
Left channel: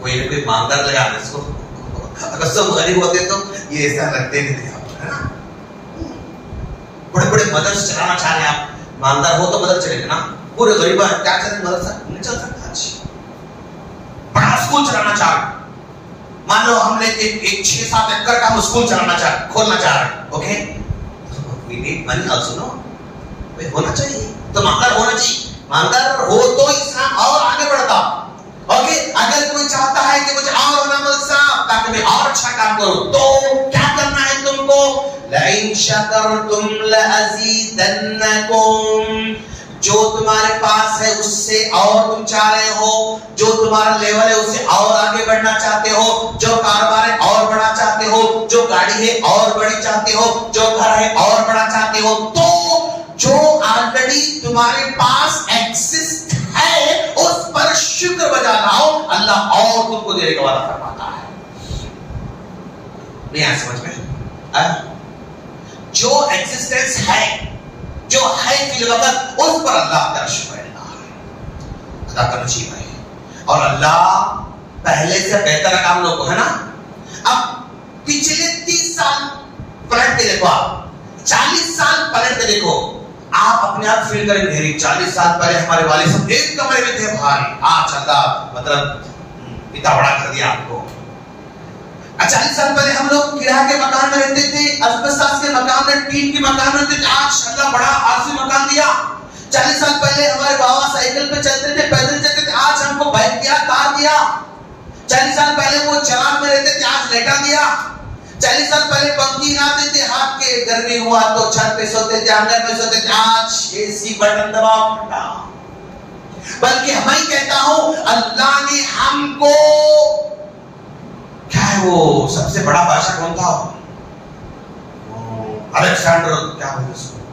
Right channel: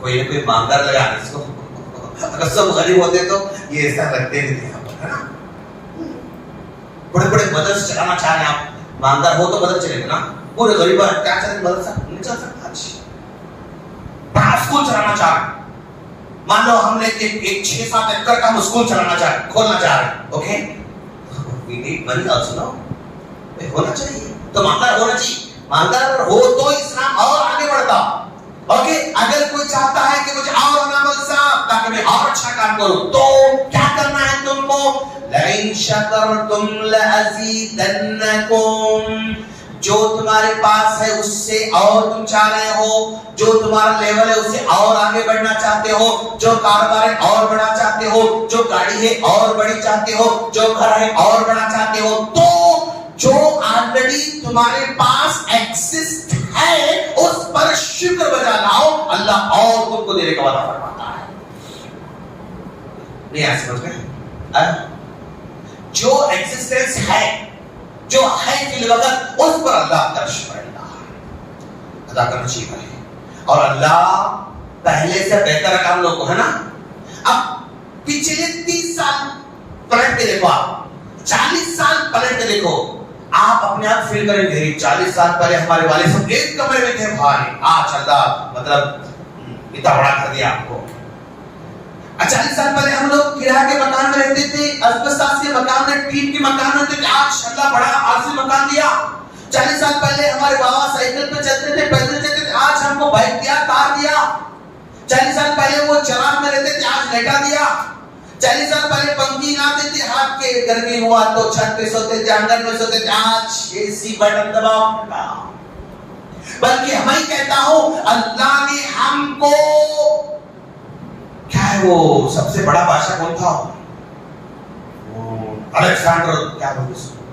کوئی مالدار لگا اس کو, اگر سب غریب ہوتے تو یہ ایسا لگتے نہیں ہے نا. بڑے بڑے مدرسے چلانا چاہ رہے ہیں آپ, مالدار ہو تو مدرسے چلے گا نا. پورے غریب کیا چلے مدرسہ نہیں چل سکتا. بڑا اسکول چلانا چاہ رہے, مان لو ہم نے ایک 6-7 ایکڑ کا ہم اسکول چلانا کھولنا چاہ رہے ہیں, okay, we need money also, no? ہونا چاہیے تو مالدار ہونا چاہیے. مالدار ہو تو اسلام اور آگے بڑھتا. اوکے, اگر کوئی چاہتا ہے کہ مجھے اور نامل صاحب تاکہ میں اور اچھا کام کروں, تو کیا کرنا ہے تم کو؟ لَإِن شَكَرْتُمْ لَأَزِيدَنَّكُمْ, جو تمہارے پاس ہے اس سے اور تم چاہ رہے ہو, جو تمہارا لیول ہے اس سے اور آگے بڑھنا چاہتے ہو, جو کاروبار ہے اور بڑھنا چاہتے ہو, جو گاڑی ہے اور بڑی چاہتے ہو, جو گھر ہے اور بڑھنا چاہتے ہو, تو جو آلریڈی تمہارے پاس ایکسسٹ ہے اس پر شکر بجا لاؤ, اللہ اور تم کو دینے کا وعدہ فرماتا ہے. نہیں آیا سمجھ میں؟ جو ایکسسٹنس ہے, جو ہے فی الوقت, اس پر اللہ کا شکر ادا کرنا چاہیے. اور اللہ پہلے سے بہتر کام لوگوں کو ہے نا. اب پچھلے 30 سال پلٹ کے دیکھو, آپ 40 سال پلٹ کے دیکھو, آپ اپنے آپ فیل کریں گے 40 سال پہلے ہمارے والد صاحب ایک کمرے میں تھے بھائی, آج اللہ مطلب اتنا بڑا کر دیا آپ کو. 40 سال پہلے ہم لوگ کرایہ کے مکان میں رہتے تھے, اسبستاس کے مکان میں, ٹین کے مکان میں رہتے تھے. آج اللہ بڑا عارضی مکان دیا. 40 سال پہلے ہمارے بابا سائیکل پہ چلتے تھے, پیدل چلتے تھے, آج ہم کو بائک دیا, کار دیا. 40 سال پہلے وہ چراغ میں رہتے تھے, آج لیٹا دیا. 40 سال پہلے پنکھی آتے تھے, ہاتھ کے گرمی ہوا تو چھت پہ سوتے تھے, آنگن پہ سوتے تھے, آج اے سی بٹن دباؤ ٹھنڈا. بلکہ میں کہتا ہوں اللہ نے ہم کو, کیا ہے وہ سب سے بڑا بادشاہ کون تھا؟ الیگزینڈر, کیا بولتے اس کو,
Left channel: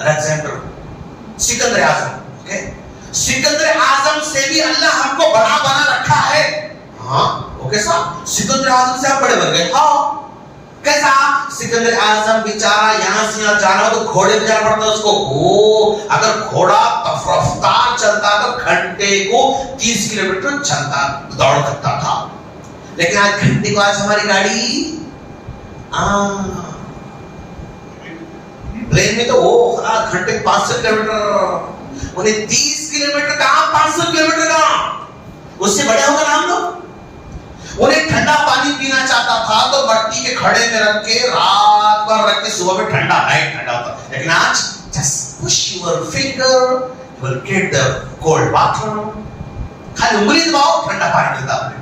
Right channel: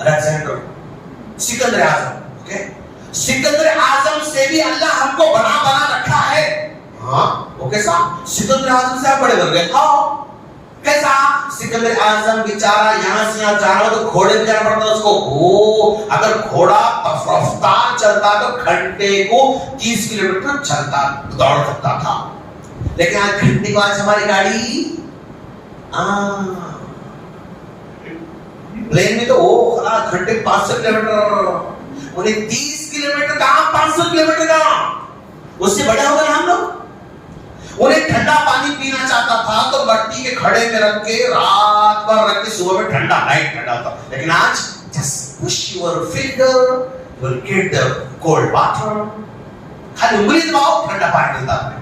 الیگزینڈر, سکندر اعظم. سکندر اعظم سے بھی اللہ ہم کو بنا رکھا ہے. ہاں وہ کیسا؟ سکندر اعظم سے آپ بڑے بن گئے. ہاں کیسا؟ سکندر اعظم بیچارہ یہاں سے یہاں جانا ہو تو گھوڑے پہ جانا پڑتا اس کو. اگر گھوڑا رفتار چلتا تو گھنٹے کو 30 کلومیٹر چلتا دوڑ سکتا تھا. لیکن آج گھنٹے کو, آج ہماری گاڑی پلین میں تو وہ گھنٹے 500 کلومیٹر, انہیں 30 کلومیٹر کہاں 500 کلومیٹر کہاں, اس سے بڑے ہو گئے ہم لوگ. انہیں ٹھنڈا پانی پینا چاہتا تھا تو مٹی کے کھڑے میں رکھ کے رات بھر رکھ کے صبح میں ٹھنڈا نائٹ ٹھنڈا ہوتا. لیکن آج just push your finger, you will get the cold water. خالی انگلی دباؤ ٹھنڈا پانی ملتا ہے.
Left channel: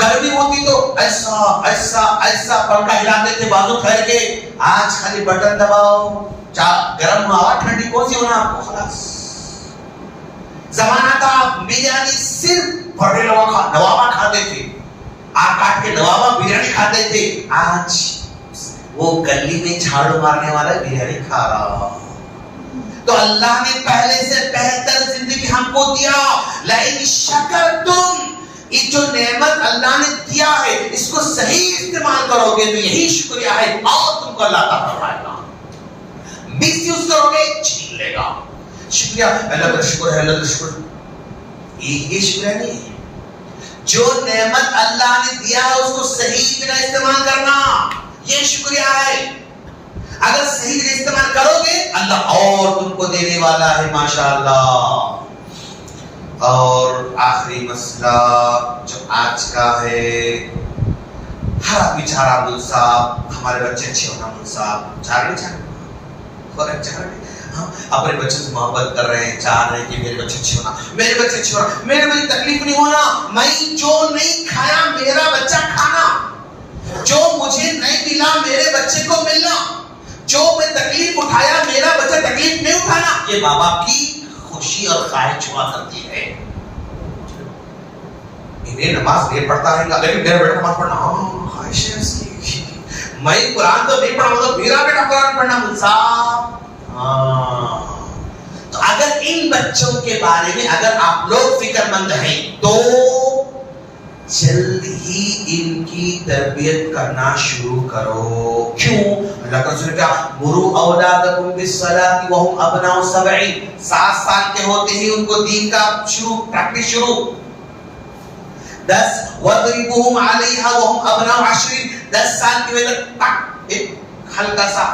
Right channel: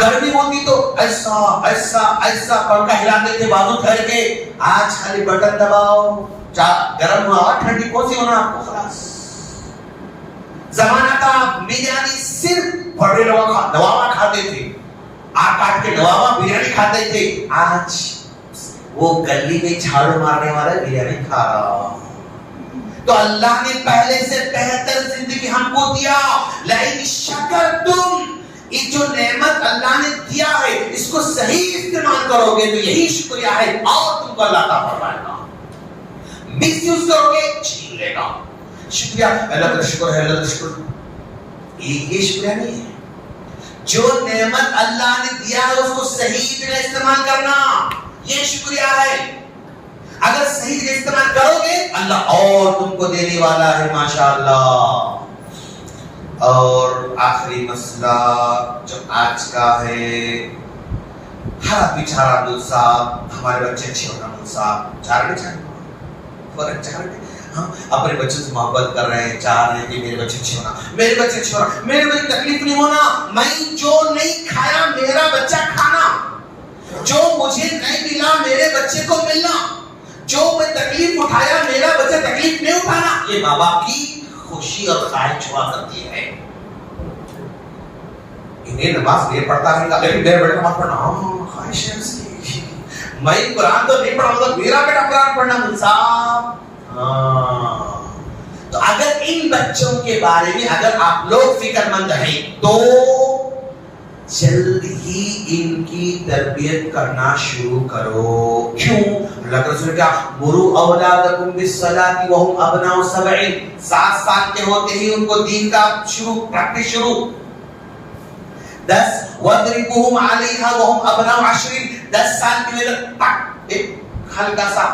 گرمی ہوتی تو ایسا ایسا ایسا پنکھا ہلاتے تھے بازو پھیر کے, آج خالی بٹن دباؤ, گرم ہوا ٹھنڈی کون سی ہونا آپ کو. خلاص زمانہ کا بریانی صرف بڑے نوابا کھاتے تھے, کاٹ کے نوابا بریانی کھاتے تھے. آج وہ گلی میں جھاڑو مارنے والا بریانی کھا رہا. تو اللہ نے پہلے سے بہتر زندگی ہم کو دیا. لئن شکرتم, یہ جو نعمت اللہ نے دیا ہے اس کو صحیح استعمال کرو گے تو یہی شکریہ ہے, اور تم کو اللہ عطا فرمائے گا. مس یوز کرو گے چھین لے گا. شکریہ, اللہ کا شکر ہے, اللہ کا شکر, یہ شکریہ نہیں ہے. جو نعمت اللہ نے دیا ہے اس کو صحیح جگہ استعمال کرنا, یہ شکریہ ہے. اگر صحیح جگہ استعمال کرو گے اللہ اور تم کو دینے والا ہے ماشاءاللہ. اور آخری مسئلہ جو آج کا ہے, ہر بیچارہ عبدال صاحب, ہمارے بچے اچھے ہونا, عبدال صاحب چاہ رہے اپنے بچوں سے محبت کر رہے ہیں, چاہ رہے ہیں کہ میرے بچے اچھے ہونا, میرے بچے اچھے ہونا, میرے بچے تکلیف نہیں ہونا. میں جو نہیں کھایا میرا بچہ کھانا, جو مجھے نہیں ملا میرے بچے کو ملنا, جو میں تکلیف اٹھایا میرا بچہ تکلیف نہیں اٹھانا, یہ ماں باپ کی خوشی اور خواہش ہوا کرتی ہے. انہیں نماز نہیں پڑھتا ہے لیکن میرا بیٹا نماز پڑھنا, ہاں خواہش ہے اس کی. میں قرآن تو نہیں پڑھا تو میرا بیٹا قرآن پڑھنا ملسا. تو اگر ان بچوں کے بارے میں اگر آپ لوگ فکر مند ہیں تو جلد ہی ان کی تربیت کرنا شروع کرو. کیوں؟ اللہ کا رسول نے کہا مروا اولادکم بالصلاۃ وهم ابناء 7. 7 سال کے ہوتے ہی ان کو دین کا پریکٹس شروع. 10 وَاضْرِبُوهُمْ عَلَيْهَا وَهُمْ أَبْنَاءُ 10. 10 سال کی عمر ایک ہلکا سا,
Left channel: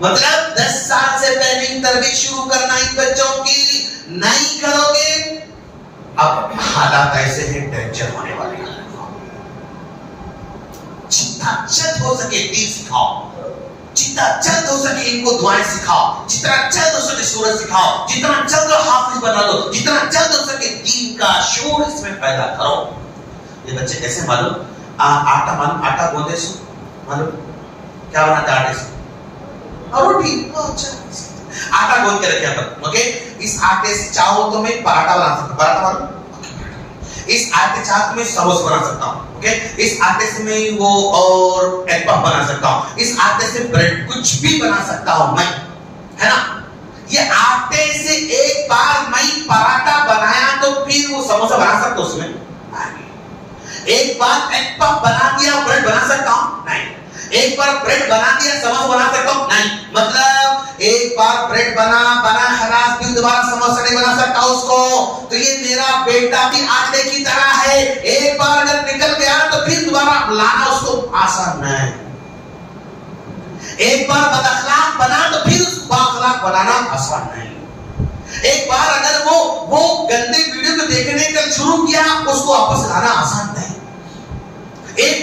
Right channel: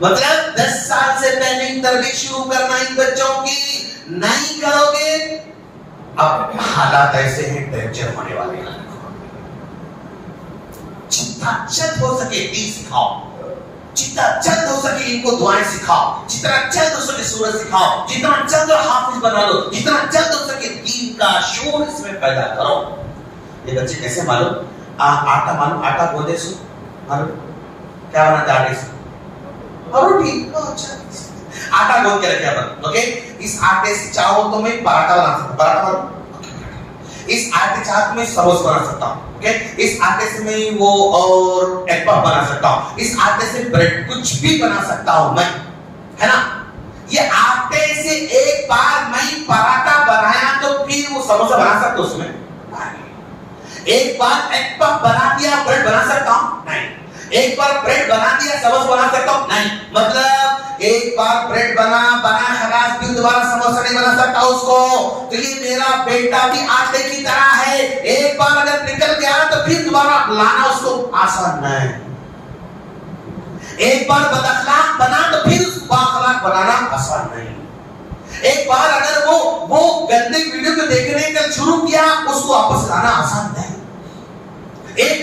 مطلب 10 سال سے پہلے تربیت شروع کرنا ان بچوں کی. نہیں کرو گے اب حالات ایسے ہیں ٹینشن ہونے والے ہیں. جتنا جلد ہو سکے دین سکھاؤ, جتنا جلد ہو سکے ان کو دعائیں سکھاؤ, جتنا جلد ہو سکے سورت سکھاؤ, جتنا جلد حافظ بنا دو, جتنا جلد ہو سکے دین کا شعور اس میں پیدا کرو. یہ بچے کیسے معلوم, آٹا معلوم, آٹا گوندے سو معلوم کیا ہونا تھا آٹے سے, روٹی. آٹا گوند کے رکھے آپ, اوکے. اس آٹے سے چاہو تو میں پراٹھا بنا سکتا ہوں, پراٹھا بنا, اس آٹے چاہو تو میں سموسہ بنا سکتا ہوں, اس آٹے سے میں وہ اور ایگ پف بنا سکتا ہوں, اس آٹے سے بریڈ کچھ بھی بنا سکتا ہوں میں, ہے نا. یہ آٹے سے ایک بار میں پراٹھا بنایا تو پھر وہ سموسہ بنا سکتا ہوں اس میں نہیں. ایک بار ایگ پف بنا دیا بریڈ بنا سکتا ہوں نہیں. ایک بار بریڈ بنا دیا سموسہ بنا سکتا ہوں نہیں. مطلب ایک بار بریڈ بنا خلاص, پھر دوبارہ سموسہ نہیں بنا سکتا اس کو. تو یہ میرا بیٹا بھی آٹے کی طرح ہے, ایک بار اگر نکل گیا تو پھر دوبارہ لانا اس کو آسان نہیں. ایک بار بد اخلاق بنا تو پھر اس کو بااخلاق بنانا آسان نہیں. ایک بار اگر وہ گندی ویڈیو کو دیکھنے کا شروع کیا اس کو واپس لانا آسان نہیں.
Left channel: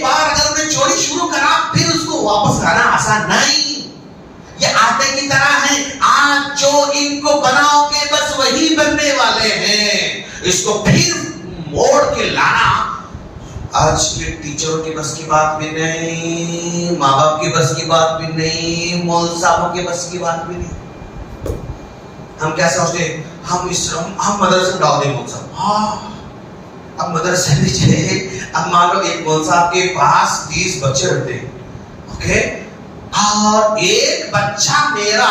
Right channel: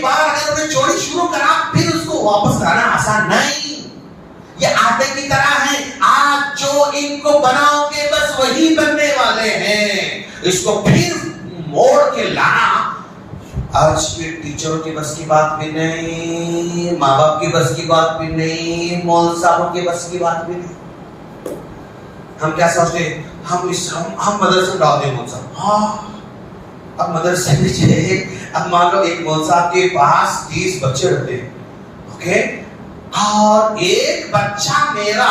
ایک بار اگر انہیں چوری شروع کرا پھر اس کو واپس لانا آسان نہیں. یہ آٹے کی طرح ہے, آج جو ان کو بناؤ گے بس وہی بننے والے ہیں, اس کو پھر موڑ کے لانا آج کے ٹیچروں کی بس کی بات بھی نہیں, ماں باپ کی بس کی بات بھی نہیں, مول صاحبوں کی بس کی بات بھی نہیں. ہم کیا سوچتے ہیں, ہم مدرسے ڈال دیں مول صاحب. ہاں اب مدرسے دیجیے, اب مان لو ایک مول صاحب کے پاس 30 بچے رہتے ہیں, اوکے, اور ایک بچہ میرا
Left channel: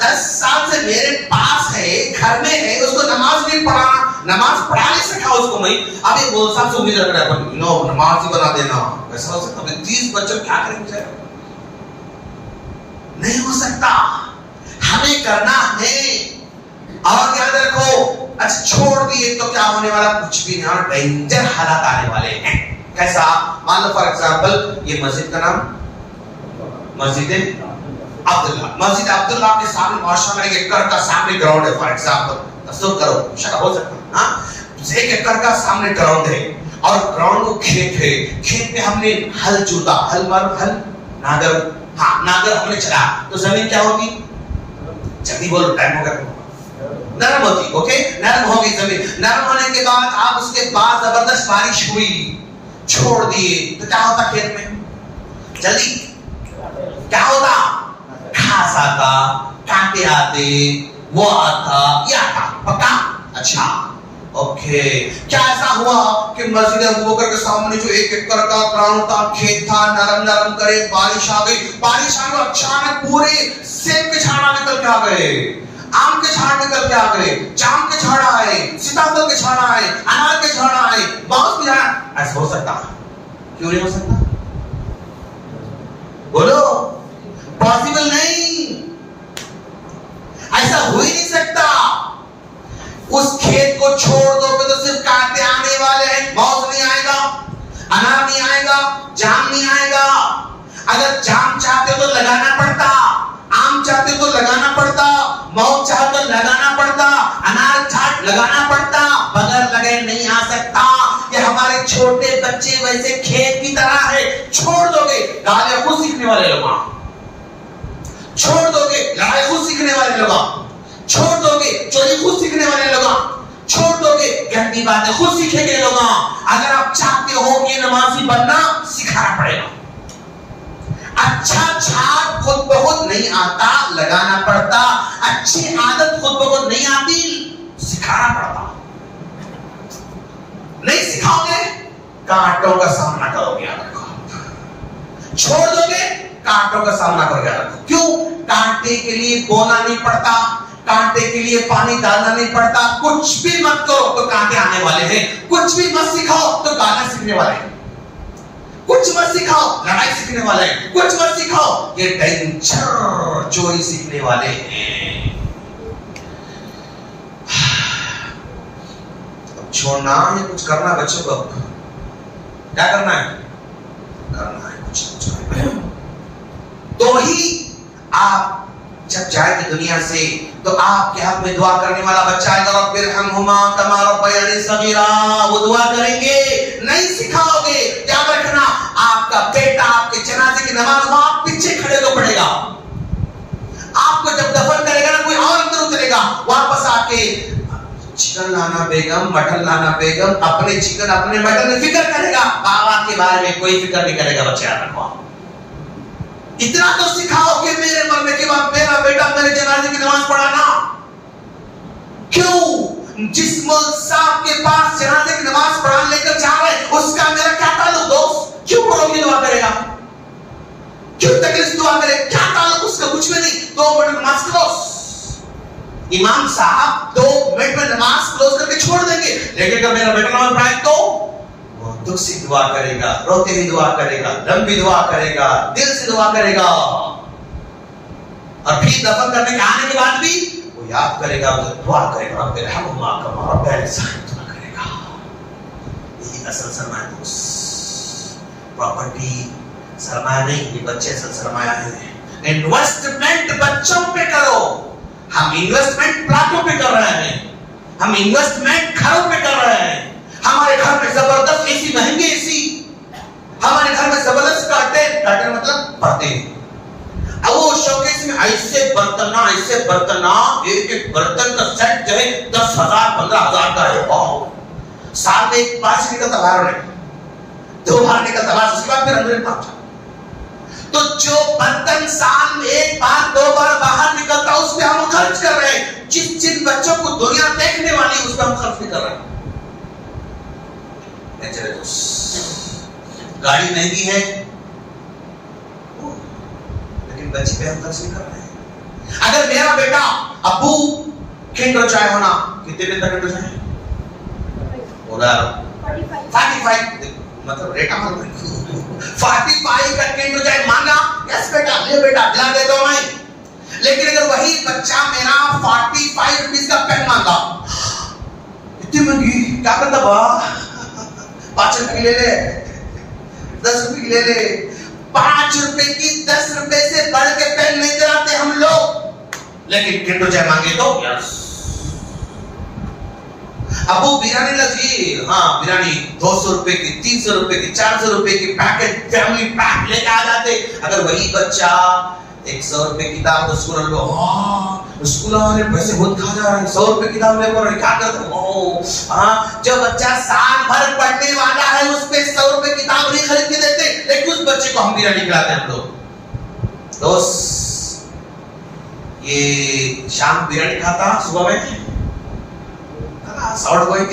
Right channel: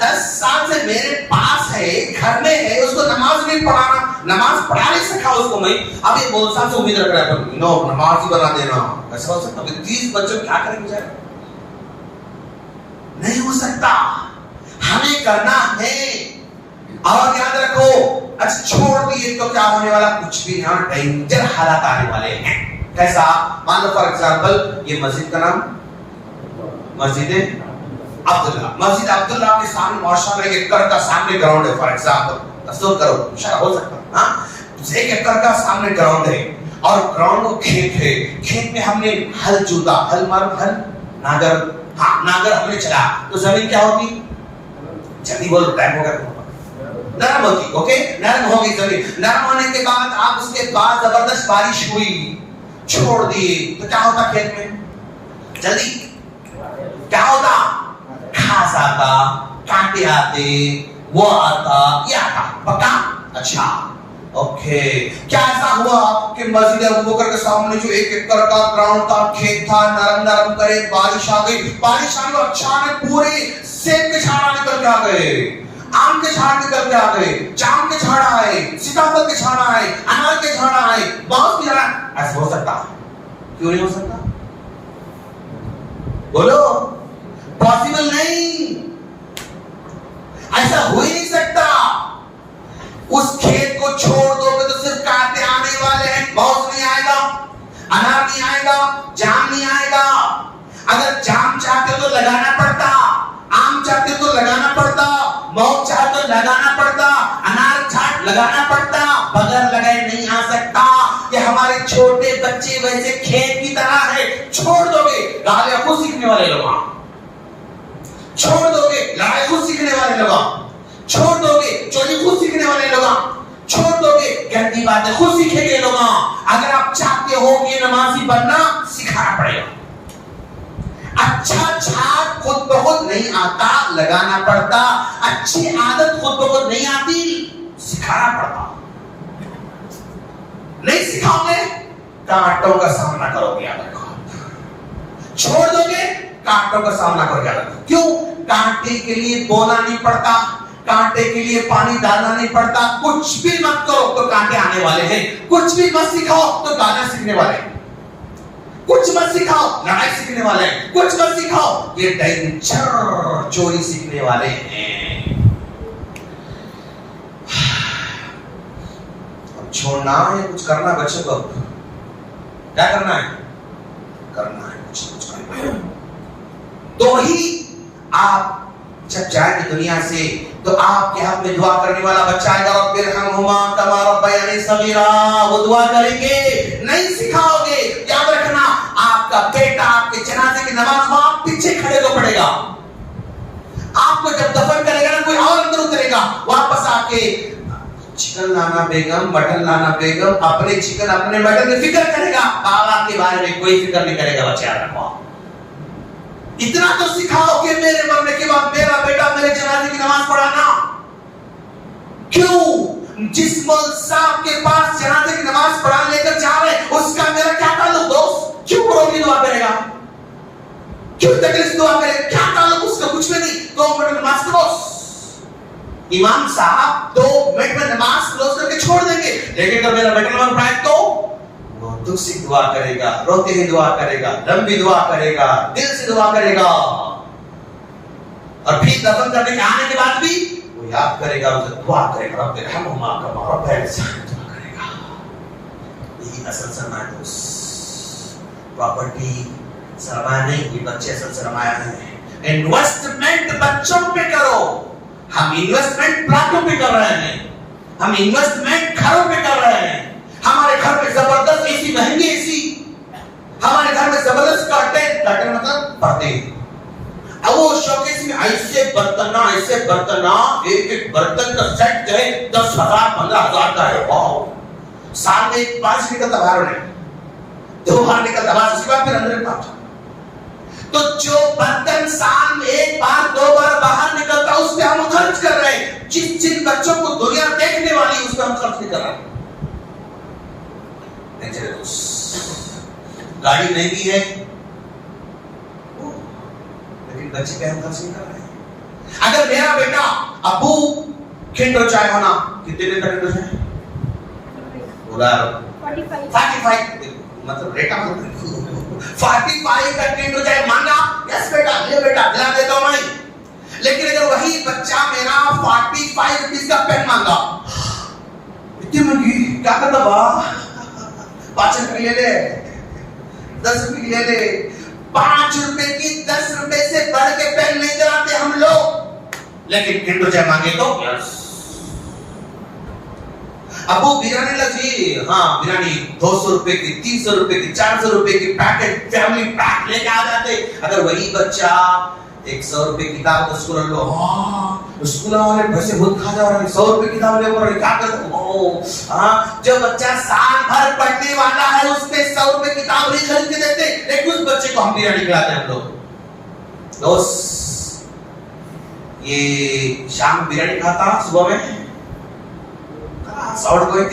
10 سال سے میرے پاس ہے, گھر میں ہے, اس کو نماز نہیں پڑھانا, نماز پڑھا نہیں سکا اس کو میں. اب ایک مول صاحب سے امید رکھ رہا ہے نو نماز ہی بنا دینا, ایسا ہو سکتا ہے؟ 30 بچوں کیا کریں گے؟ نہیں ہو سکتا, ہمیں کرنا ہے. اور یاد رکھو, اچھا چھوڑ دیے تو کیا ہونے والا, کچھ بھی یہاں ڈینجر حالات آنے والے ہیں. کیسا؟ مان لو فار ایگزامپل یہ مسجد کا نام مسجد عبداللہ, مسجد عبداللہ کے سامنے ماشاء اللہ 1 ایکڑ کا سامنے گراؤنڈ ہے. فار ایگزامپل تصور کرو, شاید ہو سکتا ہے, ہاں 1 ایکڑ کا سامنے گراؤنڈ ہے, اور گراؤنڈ کو کھیت ہے, کھیت میں ہم نے ہل جوتا, ہل ناگر, ہاں ناگر ہم نے چلا, تو زمین کیا ہوگی؟ جلدی بولو, ٹائم ہو گیا, نرم ہوتی. اوکے, نرم ہوگی زمین. نرم ہونے کے بعد آپ اس کے بعد زبردست بارش ہوئی, چھوڑ دیے, تو کیا ہوتا کھیت میں؟ جلدی کیا ہوتا؟ گھاس آتا, کانٹے آتے, وہ آتا, یہ آتا, پکا. اچھا اوکے, کیا ایسا ہوا کہ مسجد ابوبکر کے سامنے جو 1 ایکڑ کا گراؤنڈ تھا, کھیت تھا, نرم نرم کرے, بارش آ گئی, بارش آ گئی, اچانک پورے سیب کے جھاڑ نکل کے آ گئے, آم کے جھاڑ نکل کے آ گئے, جام کے جھاڑ آئے, سیتافل کے جھاڑ آئے, انار کے جھاڑ آئے, باؤس کے جھاڑ. ایسا ہو سکتا؟ کیوں نہیں ہو سکتا؟ بولو, پاسبل نہیں, ایسا ہو ہی نہیں سکتا. اس کھیت کو چھوڑ دو گے تو صرف کانٹے آنے والے ہیں, باؤس نہیں آئے گا, انار نہیں آئے گا, جام نہیں آئے گا. اگر جام چاہتے تو لگانا پڑتا, آم چاہتے تو لگانا پڑتا, موت چاہتے تو لگانا پڑتا, انار چاہتے لگانا پڑتا, بغیر لگے نہیں آ سکتا. کہ ہمارے چھوٹے بچے ویسے کھیت کی طرح ہے, چھوڑ دو گے گالیاں خود سیکھنے والے لوگ, چھوڑ دو گے لڑائی خود سیکھنے والے لوگ, چھوڑ دو گے چوری خود سیکھنے والے لوگ, چھوڑ دو گے گندی باتیں خود سیکھیں گے لوگ. اگر آپ چاہتے ہو کہ نمازی بننا, سکھانا پڑے گا. اچھا جھاڑ خود بخود نہیں آتا, لگانا پڑتا. اچھی عادت خود بخود نہیں آتی, سکھانا پڑتا. نہیں سکھاؤ گے کانٹوں کا سامنا کرو گے. یاد رکھو, چھوڑ دو گے کانٹوں کا سامنا کرو گے. کیوں؟ کانٹے کے لیے بونا نہیں پڑتا, کانٹے کے لیے پانی ڈالنا نہیں پڑتا. کچھ بھی مت کرو تو کانٹے آنے والے ہیں, کچھ بھی مت سکھاؤ تو گانا سیکھنے والے ہیں, کچھ مت سکھاؤ لڑائی سیکھنے والے ہیں, کچھ مت سکھاؤ یہ ڈینجر چوری سیکھنے والے ہیں. چھوڑنا یا کچھ کرنا بچوں کو, کیا کرنا ہے؟ کرنا ہے کچھ. تو ہی آپ جب جائیں گے دنیا سے تو آپ کے ہاتھ میں دعا کرنے والا بچہ آئے گا, رب ارحمہما کما ربیانی صغیرا, وہ دعا کریں گے. نہیں سکھاؤ گے, یاد رکھنا آپ کا بیٹا آپ کے جنازے کی نماز میں آپ پیچھے کھڑے کو پڑے گا. آپ کو جب دفن کرے گا نا کوئی اور اندر اترے گا, واپس آ کے چکن لانا بیگم, مٹن لانا بیگم, اپنے چکن اپنے مٹن میں فکر کرے گا, بابا کے بارے میں کوئی فکر نہیں کرے گا. بچے یاد رکھو, اتنا تو سکھاؤ کہ میرے مرنے کے بعد میرا بیٹا میرے جنازے کی نماز پڑھانا. کیوں؟ جس مول صاحب کے پاس جنازے کی نماز پڑھانے لے کر جا رہے, اس کا میرا کیا تعلق دوست؟ کیوں پڑھو گی دعا کرے گا, کیوں تکلیف دعا کرے, کیا تعلق اس کا؟ کچھ بھی نہیں. 2 منٹ نماز کلوز, امام صاحب 2 منٹ میں نماز کلوز کر کے چھوڑ دیں گے. لیکن اگر میرا بیٹا نماز پڑھائے تو وہ دکھ سے دعا کرے گا, روتے ہی دعا کرے گا, لمبی دعا کرے گا, دل سے دعا کرے گا, اور پھر دفن کرنے کے آنے کے بعد بھی وہ یاد کرے گا, دعا کرے گا, رب ارحمہما کما ربیانی صغیرا, دعا کرے گا. یہی اصل سرمایہ دوست, پراپرٹی سرمایہ نہیں, یہ بچے اصل سرمایہ ہے. انویسٹمنٹ بچوں پہ کرو. ہم انویسٹمنٹ پلاٹوں پہ کر رہے ہیں, ہم انویسٹمنٹ گھروں پہ کر رہے ہیں. ہمارے گھر میں زبردست اے سی, مہنگی اے سی, ہمارے گھر میں زبردست کرٹن مطلب پردے. اب وہ شوکیس میں ایسے برتن ایک برتن کا سیٹ جو ہے 10,000 15,000 کا ہے. سال میں 5 نکلتا باہر ہے، 2 بار نکلتا باہر، اس کے بعد پھر اندر پہنچا. تو جو برتن سال میں 1 بار 2 بار باہر نکلتا اس پہ ہم خرچ کر رہے ہیں. جن بچوں کو دنیا دیکھنے والی اس پہ ہم خرچ نہیں کر رہے ہیں. چلے گاڑی مہنگی ہے لیکن بچے پہ ہم خرچ نہیں کر رہے ہیں. اگر میرا بیٹا ابو کھنڈو چائے ہونا کتنے دن تک کھنڈو چائے پورا 45 مطلب ریٹا 45 کا کھنڈو چائے مانگا. یس بیٹا لے بیٹا دلا دیتا ہوں میں. لیکن اگر وہی بچہ میرا 45 روپیز کا پین مانگا اتنی مہنگی کیا کرتا با 5 روپے لے لے 10 روپے لے لے. 5 روپے کی 10 روپے سے بڑھ کے پین نہیں چلاتے ہم لوگ. لیکن کھنڈو چائے مانگے تو یس ابو بریانی لگی، ہاں بریانی 200 روپے کی 300 روپے کی 400 روپے کی پیکٹ فیملی پیک لے کے آ جاتے. اگر وہی بچہ 100 روپے کتاب اسکول لو اسکول والے پیسے بہت کھا جا رہے ہیں 100 روپے کتاب لے کر کیا کرتے. جو بچہ سال بھر پڑھنے والا ہے اس پہ 100 روپے کتاب نہیں خرید کے دیتے، لیکن اس بچے کو ہم بریانی کھلاتے ہیں. ہم لوگ دوست یہ شام بریانی کھاتا صبح میں آؤٹ گوئنگ،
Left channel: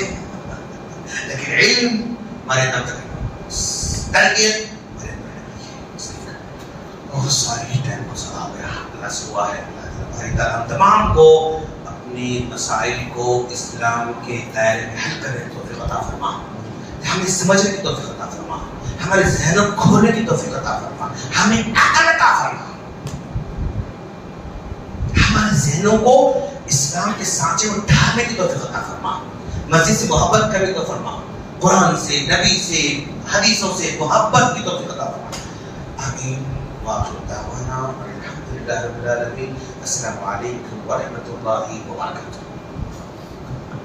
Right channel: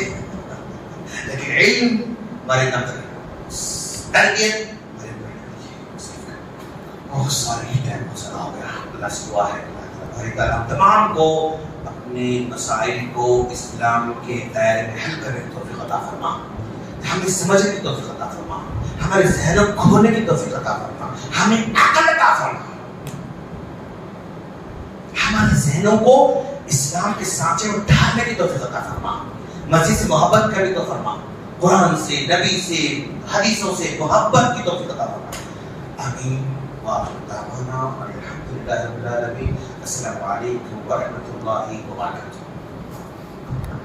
لیکن علم ہمارے نام تک تربیت بہت ساری ٹائم گزرا ہو گیا. اللہ سے دعا ہے اللہ ہم تمام کو اپنے مسائل کو اسلام کے دائرے میں حل کرنے کی توفیق عطا فرما، ہمیں سمجھنے کی توفیق عطا فرما، ہمارے ذہنوں کو کھولنے کی توفیق عطا فرما، ہمیں عقل عطا فرما، ہمارے ذہنوں کو اسلام کے سانچے میں ڈھالنے کی توفیق عطا فرما، مسجد سے محبت کرنے کو فرما، قرآن سے نبی سے حدیثوں سے محبت کی توفیق عطا فرما. آمین. وآخر دعوانا الحمد للہ رب العالمین. السلام علیکم ورحمۃ اللہ وبرکاتہ.